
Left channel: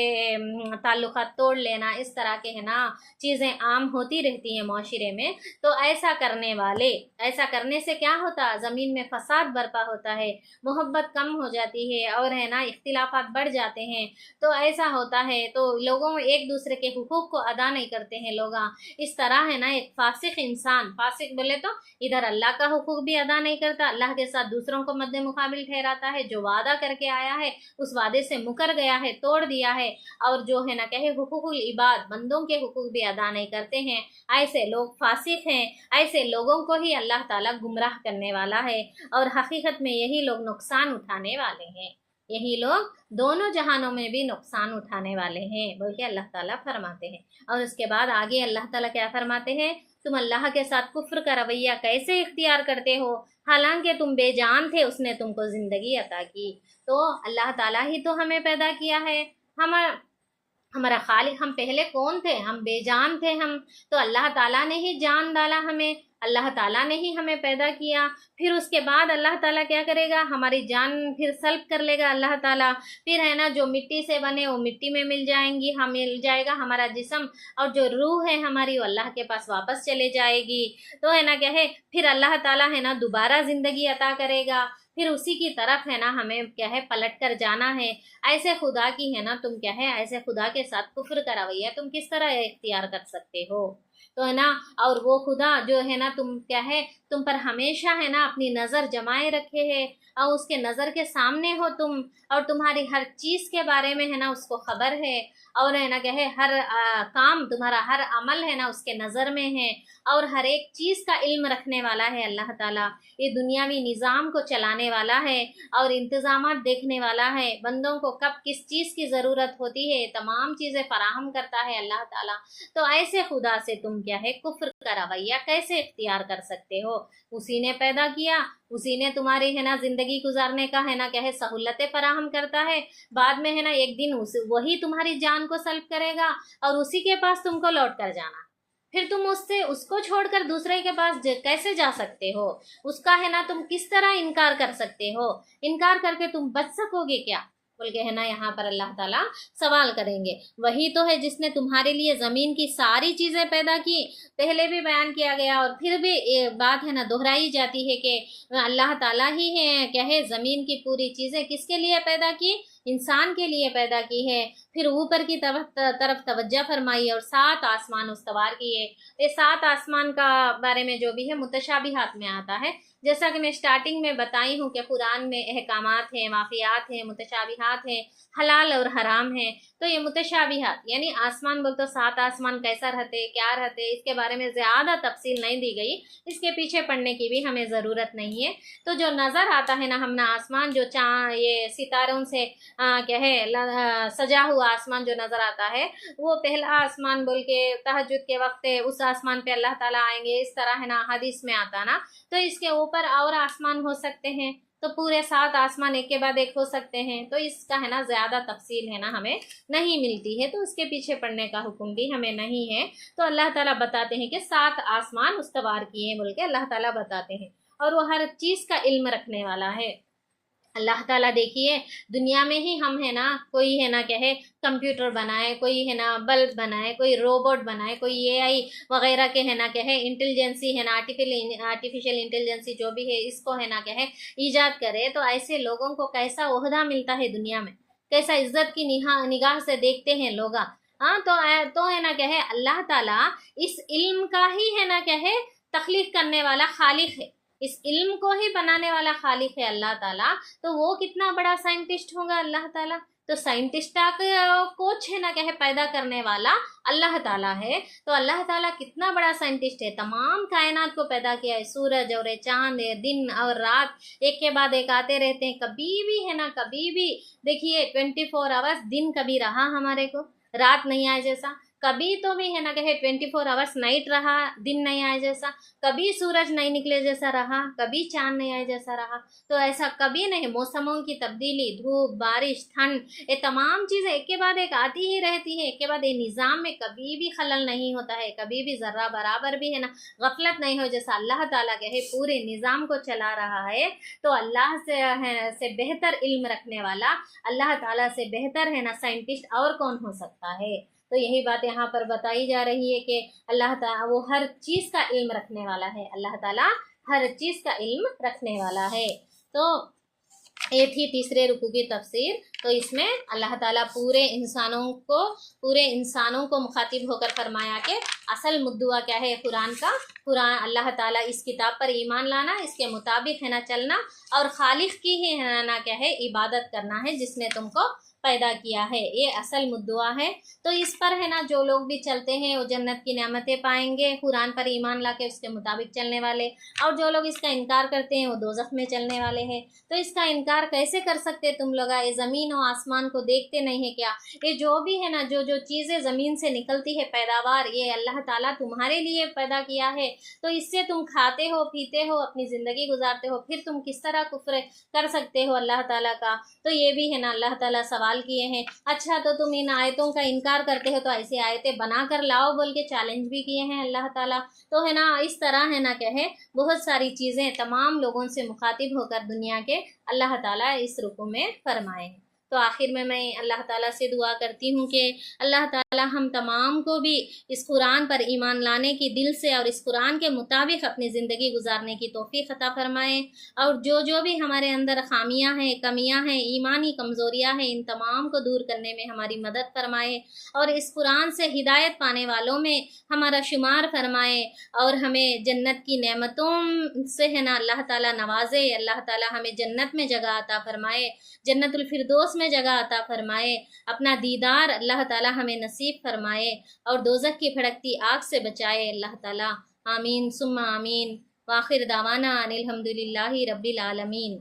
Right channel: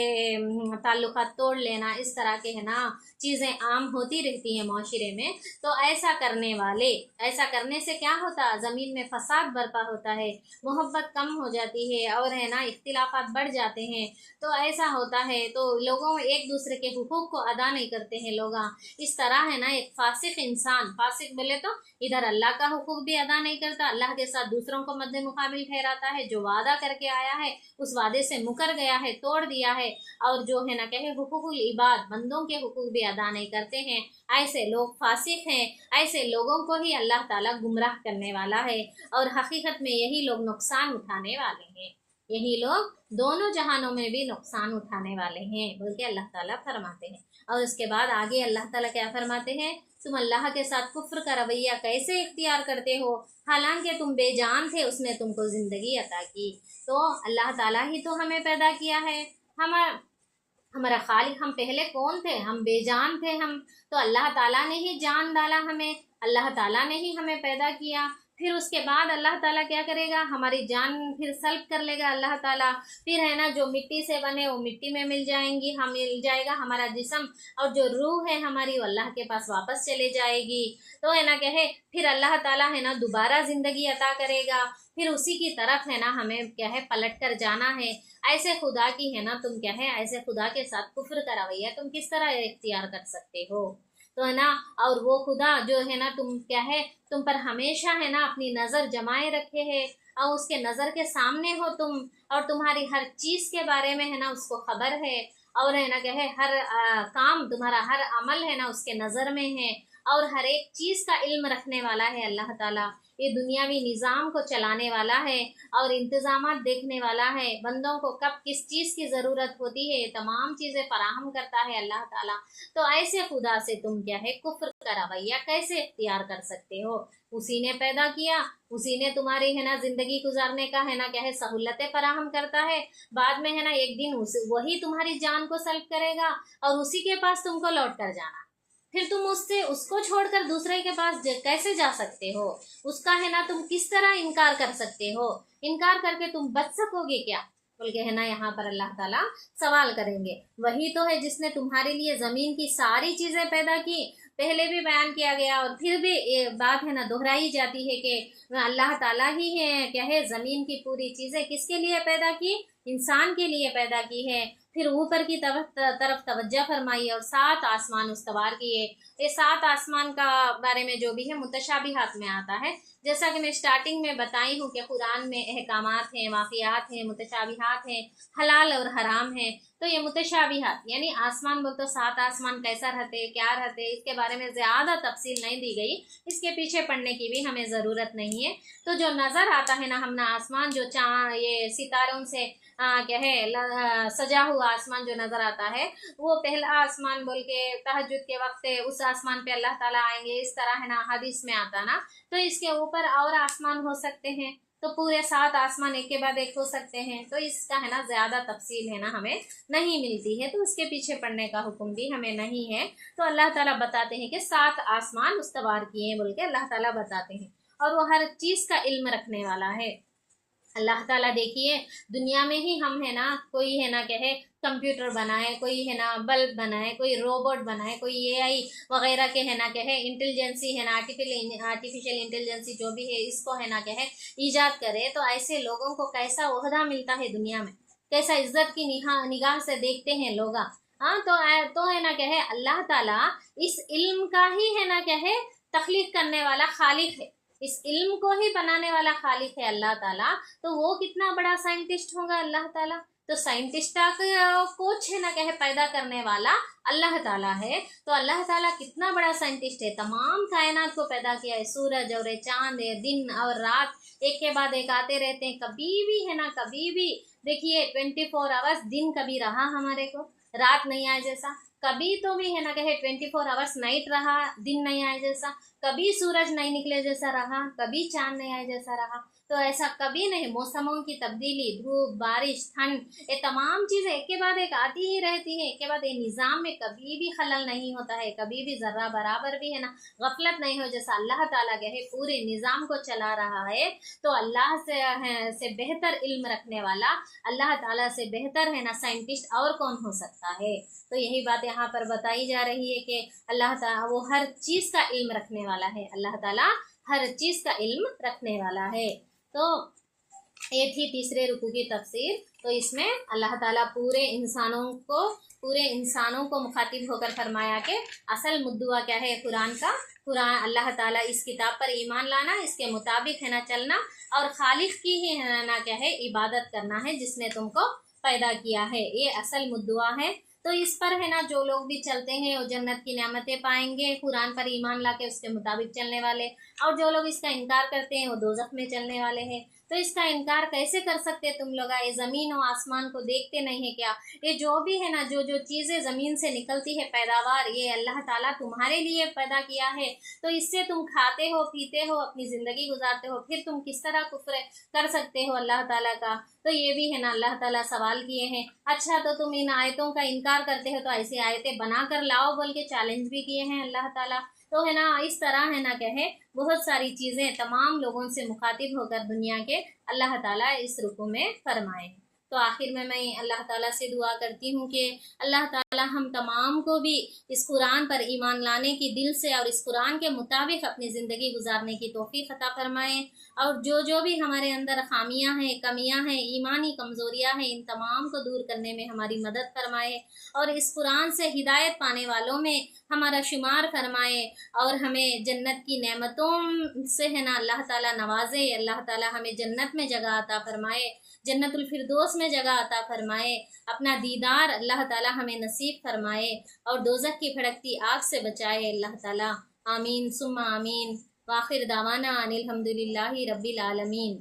ताल्लुकात तोड़ लेना, इस तरह के है ना चीज़ें आम होती रहती हैं माशरे में। तो ऐसा करने वाले, ऐसा करने से क्या होता, ज़मीन में फसाद बर्पा होता है, मोहब्बत कम हो जाती है, और है ना इख्तिलाफात बढ़ जाते हैं। तो ऐसा होता है, तो लोगों एक दूसरे के हुकूक को अदा नहीं करते हैं लोग। इस तरह है ना, एक फासिक इंसान, फासिक बोले तो इधर अल्लाह का हुकूक भी अदा नहीं करता, अल्लाह के साथ दूसरों को मद्दे मुकाबिल ठहराता है, जो वादा करके आया है उस वादे से मुकर गया है, तोड़ दिया है, और जो है ना कहे हुकूकुल इबाद, बंदों के हुकूक भी अदा नहीं करते हैं, ऐसे लोग फासिक हैं। ऐसे लोगों को ही अल्लाह ताला गुमराह करने वाला है, और हकीकत में यही लोग नुकसान उठाने वाले हैं, यही लोग दोनों जहानों में भी नुकसान उठाने वाले हैं बोल के अल्लाह ताला फरमाते हैं। और उसके बाद आगे अल्लाह ताला क्या फरमाते हैं, तुम अल्लाह के साथ कुफ्र का रवैया कैसे इख्तियार करते हो, हालांकि तुम बेजान थे, उसने तुमको ज़िंदगी अता की। तो अल्लाह ताला ही तो हमें पैदा किया है, हम हमारा खालिक, हम पहले कौन थे, हम बेजान थे हम, तो अल्लाह ताला ने ही जान डाला हमें, अल्लाह ताला ने ही हमें पैदा किया। फिर उसके बाद अल्लाह ताला क्या करेगा, हमारी जान फिर सल्ब कर लेगा अल्लाह ताला। फिर है ना, जो मिट्टी से बने वो मिट्टी में मिल जाएंगी, हम मिल जाएगा हमारा जिस्म, और जो रूह है हमारी वो अल्लाह के पास वापस चले जाएगी। तो है ना क्या है, फिर अल्लाह ताला है ना दोबारा ज़िंदगी अता करेगा, फिर उसी की तरफ है ना हमें क्या है पलट कर जाना है। ऐसे खुदा की है ना, तुम क्या है, ऐसे खुदा के साथ कुफ्र का रवैया तुम किस तरह इख्तियार कर सकते हो। तो है ना, और वो खुदा जो है ना, तुम क्या है, तुम पर हमेशा है ना अपनी नज़र जमाए रखे है, और उसके नज़र के सामने हो तुम, और तुम्हारी हर चीज़ के बारे में है ना उसको खबर है, और है ना क्या है, हर काम, तुम्हारा हर अमल है ना उसके नज़र में है, और हर एक चीज़ का इल्म रखने वाला है अल्लाह ताला। ये दुनियावी निज़ाम को चलाने वाला है और इंतज़ामात देखने वाला है, बंदों को कब किस चीज़ की ज़रूरत होती है तमाम चीज़ें फराहम करता है अल्लाह ताला। तो ऐसे खुदा से तुम क्या है कुफ्र का रवैया कैसे इख्तियार कर सकते हो। उसी ने पैदा किया, उसी ने तुम्हारी है ना ज़िंदगी गुजारने का है ना क्या है सहूलतें फराहम करता है, बाद में है ना एक दिन वही तुम्हारी जान को सल्ब करेगा, और उसी के पास तुमको लौट कर जाना। फिर तुम उससे, उसको छोड़कर दूसरे के पास कैसे जा सकते हो, उसका है ना तुम किस तरह इनकार कर सकते हो, इनकार करके तुम बच सकोगे क्या बोल के है ना यहाँ पर अल्लाह ताला सवाल करेंगे। वही तो है जिसने तुम्हारे लिए ज़मीन की सारी चीज़ें पैदा की, पहले भी बयान किया गया और फिर भी ये बात है ना दोहराई जाती है कि अल्लाह ताला ही है क्या है, ज़मीन की पूरी चीज़ें किसके लिए पैदा की, इंसान के लिए पैदा की है। फिर ऊपर की तरफ तवज्जो फरमाई और 7 आसमान उस्तवार किए। ये 7 आसमान का बारे में जो भी है मुतशाबिहात में आता है, जैसा कि मैं स्टार्टिंग में बताई हूँ कि कुरान में अहकामात हैं, माफियात हैं, मुतशाबिहात हैं, हलाल और हराम हैं। तो ये मुतशाबिहात यानी आसमान बोल तो 7 आसमान कैसा रहते, क्या रहते, इसके बारे में ज़्यादा तफसील नहीं दी गई, इसके पीछे पढ़ने की भी हमें ज़रूरत नहीं है। तो जो नज़र आता है ना हमने आसमान, जो ये सितारों से क्या है सजा हुआ आसमान जो नज़र आता है, वो पहला आसमान बोल के तहज्जुद के वक्त उस आसमान पे अल्लाह ताला आएंगे, इस तरह है ना हदीस में आता ना। तो इसके ऊपर और आसमान हो सकते हैं, تو پورے 7 آسمان ایک کے بعد ایک ہو سکتے ہیں؟ تو اس کا ہے نا زیادہ تفصیل ہے نا ہمیں نہیں ملتی ہے، تو اس کے پیچھے پڑنے کا حکم بھی ہمیں نہیں ہے۔ تو اللہ تعالیٰ بتاتے ہیں کہ 7 آسمان استوار کیے ہیں بول کے اللہ تعالیٰ بتاتے ہیں، اور وہ ہر چیز کا علم رکھنے والا ہے اللہ تعالیٰ۔ دیکھیے دنیا میں ہی ہم ہے نا، کوئی ہے نا کہے کمپیوٹر بنائے، کوئی ہے نا بلب بنائے، کوئی روبوٹ بنائے، کوئی اے آئی وغیرہ کے ہے نا کہے انٹیلیجنسی ہے نا آرٹیفیشل انٹیلیجنسی جو بھی ہے اس کو ہے نا کہے ایجاد کرے، تو ایسے لوگوں کو کیسا عہدہ ملتا ہے دنیا میں، کیسا عزت کی نگاہ سے دیکھتے ہیں لوگ۔ ہاں تو ہے نا کہے اللہ تعالیٰ اس علم کا ہی ہے نا کہے تخلیق کرنے والا خالق ہے، اس علم کو ہی بنانے والا خالق ہے اللہ تعالیٰ، تو وہ کتنا بڑا سائنٹسٹ ہوگا اللہ تعالیٰ۔ تو سائنٹسٹ کوچ ہے نا کہے پیدا کرنے والا اللہ تعالیٰ ہے، تو اللہ تعالیٰ کتنا بڑا سائنٹسٹ ہے، تمام کائنات کو پیدا کیا ہے، سورج اور چاند ہے، دن اور رات ایک کے بعد ایک آتے رہتے ہیں، کبھی بھی ہے نا کبھی بھی دیکھیے 24 آورس دن کبھی رہا ہمارے کو، رات نہیں آئے جیسا، کبھی تو بھی ہے نا کہے 24 آورس نائٹ رہا، دن نہیں آئے جیسا، کبھی سورج نہیں نکلے جیسا رہا، کبھی چاند نہیں آئے جیسا رہا، تو ایسا کبھی نہیں۔ موسموں کی تبدیلی، دھوپ، بارش، ٹھنڈ، یہ تمام چیزیں ایک کے بعد ایک آتی ہی رہتی ہے، ایک کے بعد ایک نظام میں کبھی بھی خلل نہیں ہوتا ہے، کبھی بھی ذرہ برابر بھی ہے نا غفلت نہیں ہو، جیسا اللہ تعالیٰ کے ہے پورے نظام کو چلا رہا ہے۔ تو اللہ سے بہتر علم رکھنے والا، اللہ تعالیٰ سے بہتر ہے نا سائنٹسٹ اور کون ہو سکتا ہے؟ تو یہی بات یہاں پر بتائی جا رہی ہے کہ اللہ تعالیٰ وہ ہر چیز کا علم رکھنے والا ہے، اللہ تعالیٰ ہر چیز کا علم رکھنے والا ہے۔ تو یہ تھی تیسرے رکوع کی تفسیر۔ تو اس میں اللہ تعالیٰ پورے انسانوں کو مخاطب ہو کر فرمایا کہ اصل مدعا کیا ہے قرآن کا، قرآن اللہ تعالیٰ اس کتاب پر ایمان لانا، اس کے مطابق ہے نا چلنا، اور خالق کی ہی ہے نا کیا ہے عبادت کرنا ہے جس نے تم کو پیدا کیا ہے، یہ اصل مدعا ہے۔ تو اس پر ہے نا جو لوگ بھی چلتے ہیں وہ جنت کی نعمتیں پائیں گے، قرآن پر ایمان لا کے اس کے مطابق چلنے والے، اور جو لوگ اس کا انکار کرتے ہیں وہ دوزخ میں چلنے والے ہیں۔ تو اس کا انکار کیسے کر سکتے تم لوگ؟ یہ زمین و آسمان کو دیکھتے نہیں ہے کیا؟ یہ جو بھی ہے نا جو چیزیں زمین سے نکلتی ہے پیداوار، یہ اللہ تعالیٰ تمہارے لیے پیدا کیا ہے، تو اس سے تم کھاتے ہو، پیتے ہو، اپنی زندگی گزارتے ہو، پھر تم کس طرح کفر کر سکتے ہو اللہ تعالیٰ کا؟ تو یہ بھی ہے نا اللہ تعالیٰ سوال کیے ہیں۔ اچھا تو تم ان آیتوں کا انکار کرتے ہو تو ایسی آیتیں بنا کر لاؤ بول کے چیلنج بھی کیے ہیں اللہ تعالیٰ۔ تو ہے نا اس طرح ہے نا کہے بہت ساری چیزیں تمام لوگوں سے مخاطب ہو کر دنیا کے اللہ تعالیٰ اس رکوع میں فرمائے ہیں۔ تو آخر میں اللہ تعالیٰ سے دعا کرتی ہوں کہ اللہ تعالیٰ ہم تمام کو بھی اس قرآن پر ایمان لانے کی دل سے اور اس قرآن کے مطابق اپنی زندگی گزارنے کی توفیق عطا فرمائے، اور جو بھی ہمارے اندر خامیاں ہیں، کمیاں ہیں، ایمانی کمزوریاں ہیں، ان تمام کو دور کرنے میں ہماری مدد فرمائے، اور اس قرآن سے ہدایت پانے والوں میں ہمارا شمار فرمائے، اور ہمیں جنت کی نعمتوں سے ہے نا اللہ تعالیٰ نوازے، اللہ تعالیٰ ہمیں جنت میں جگہ عطا فرمائے، جنت الفردوس میں جگہ عطا فرمائے، اپنا دیدار اللہ تعالیٰ ہمیں نصیب فرمائے، اور دوزخ کی بھڑکتی آگ سے بچائے اللہ تعالیٰ۔ آمین ثم آمین۔ وآخر دعوانا ان الحمد للہ رب العالمین۔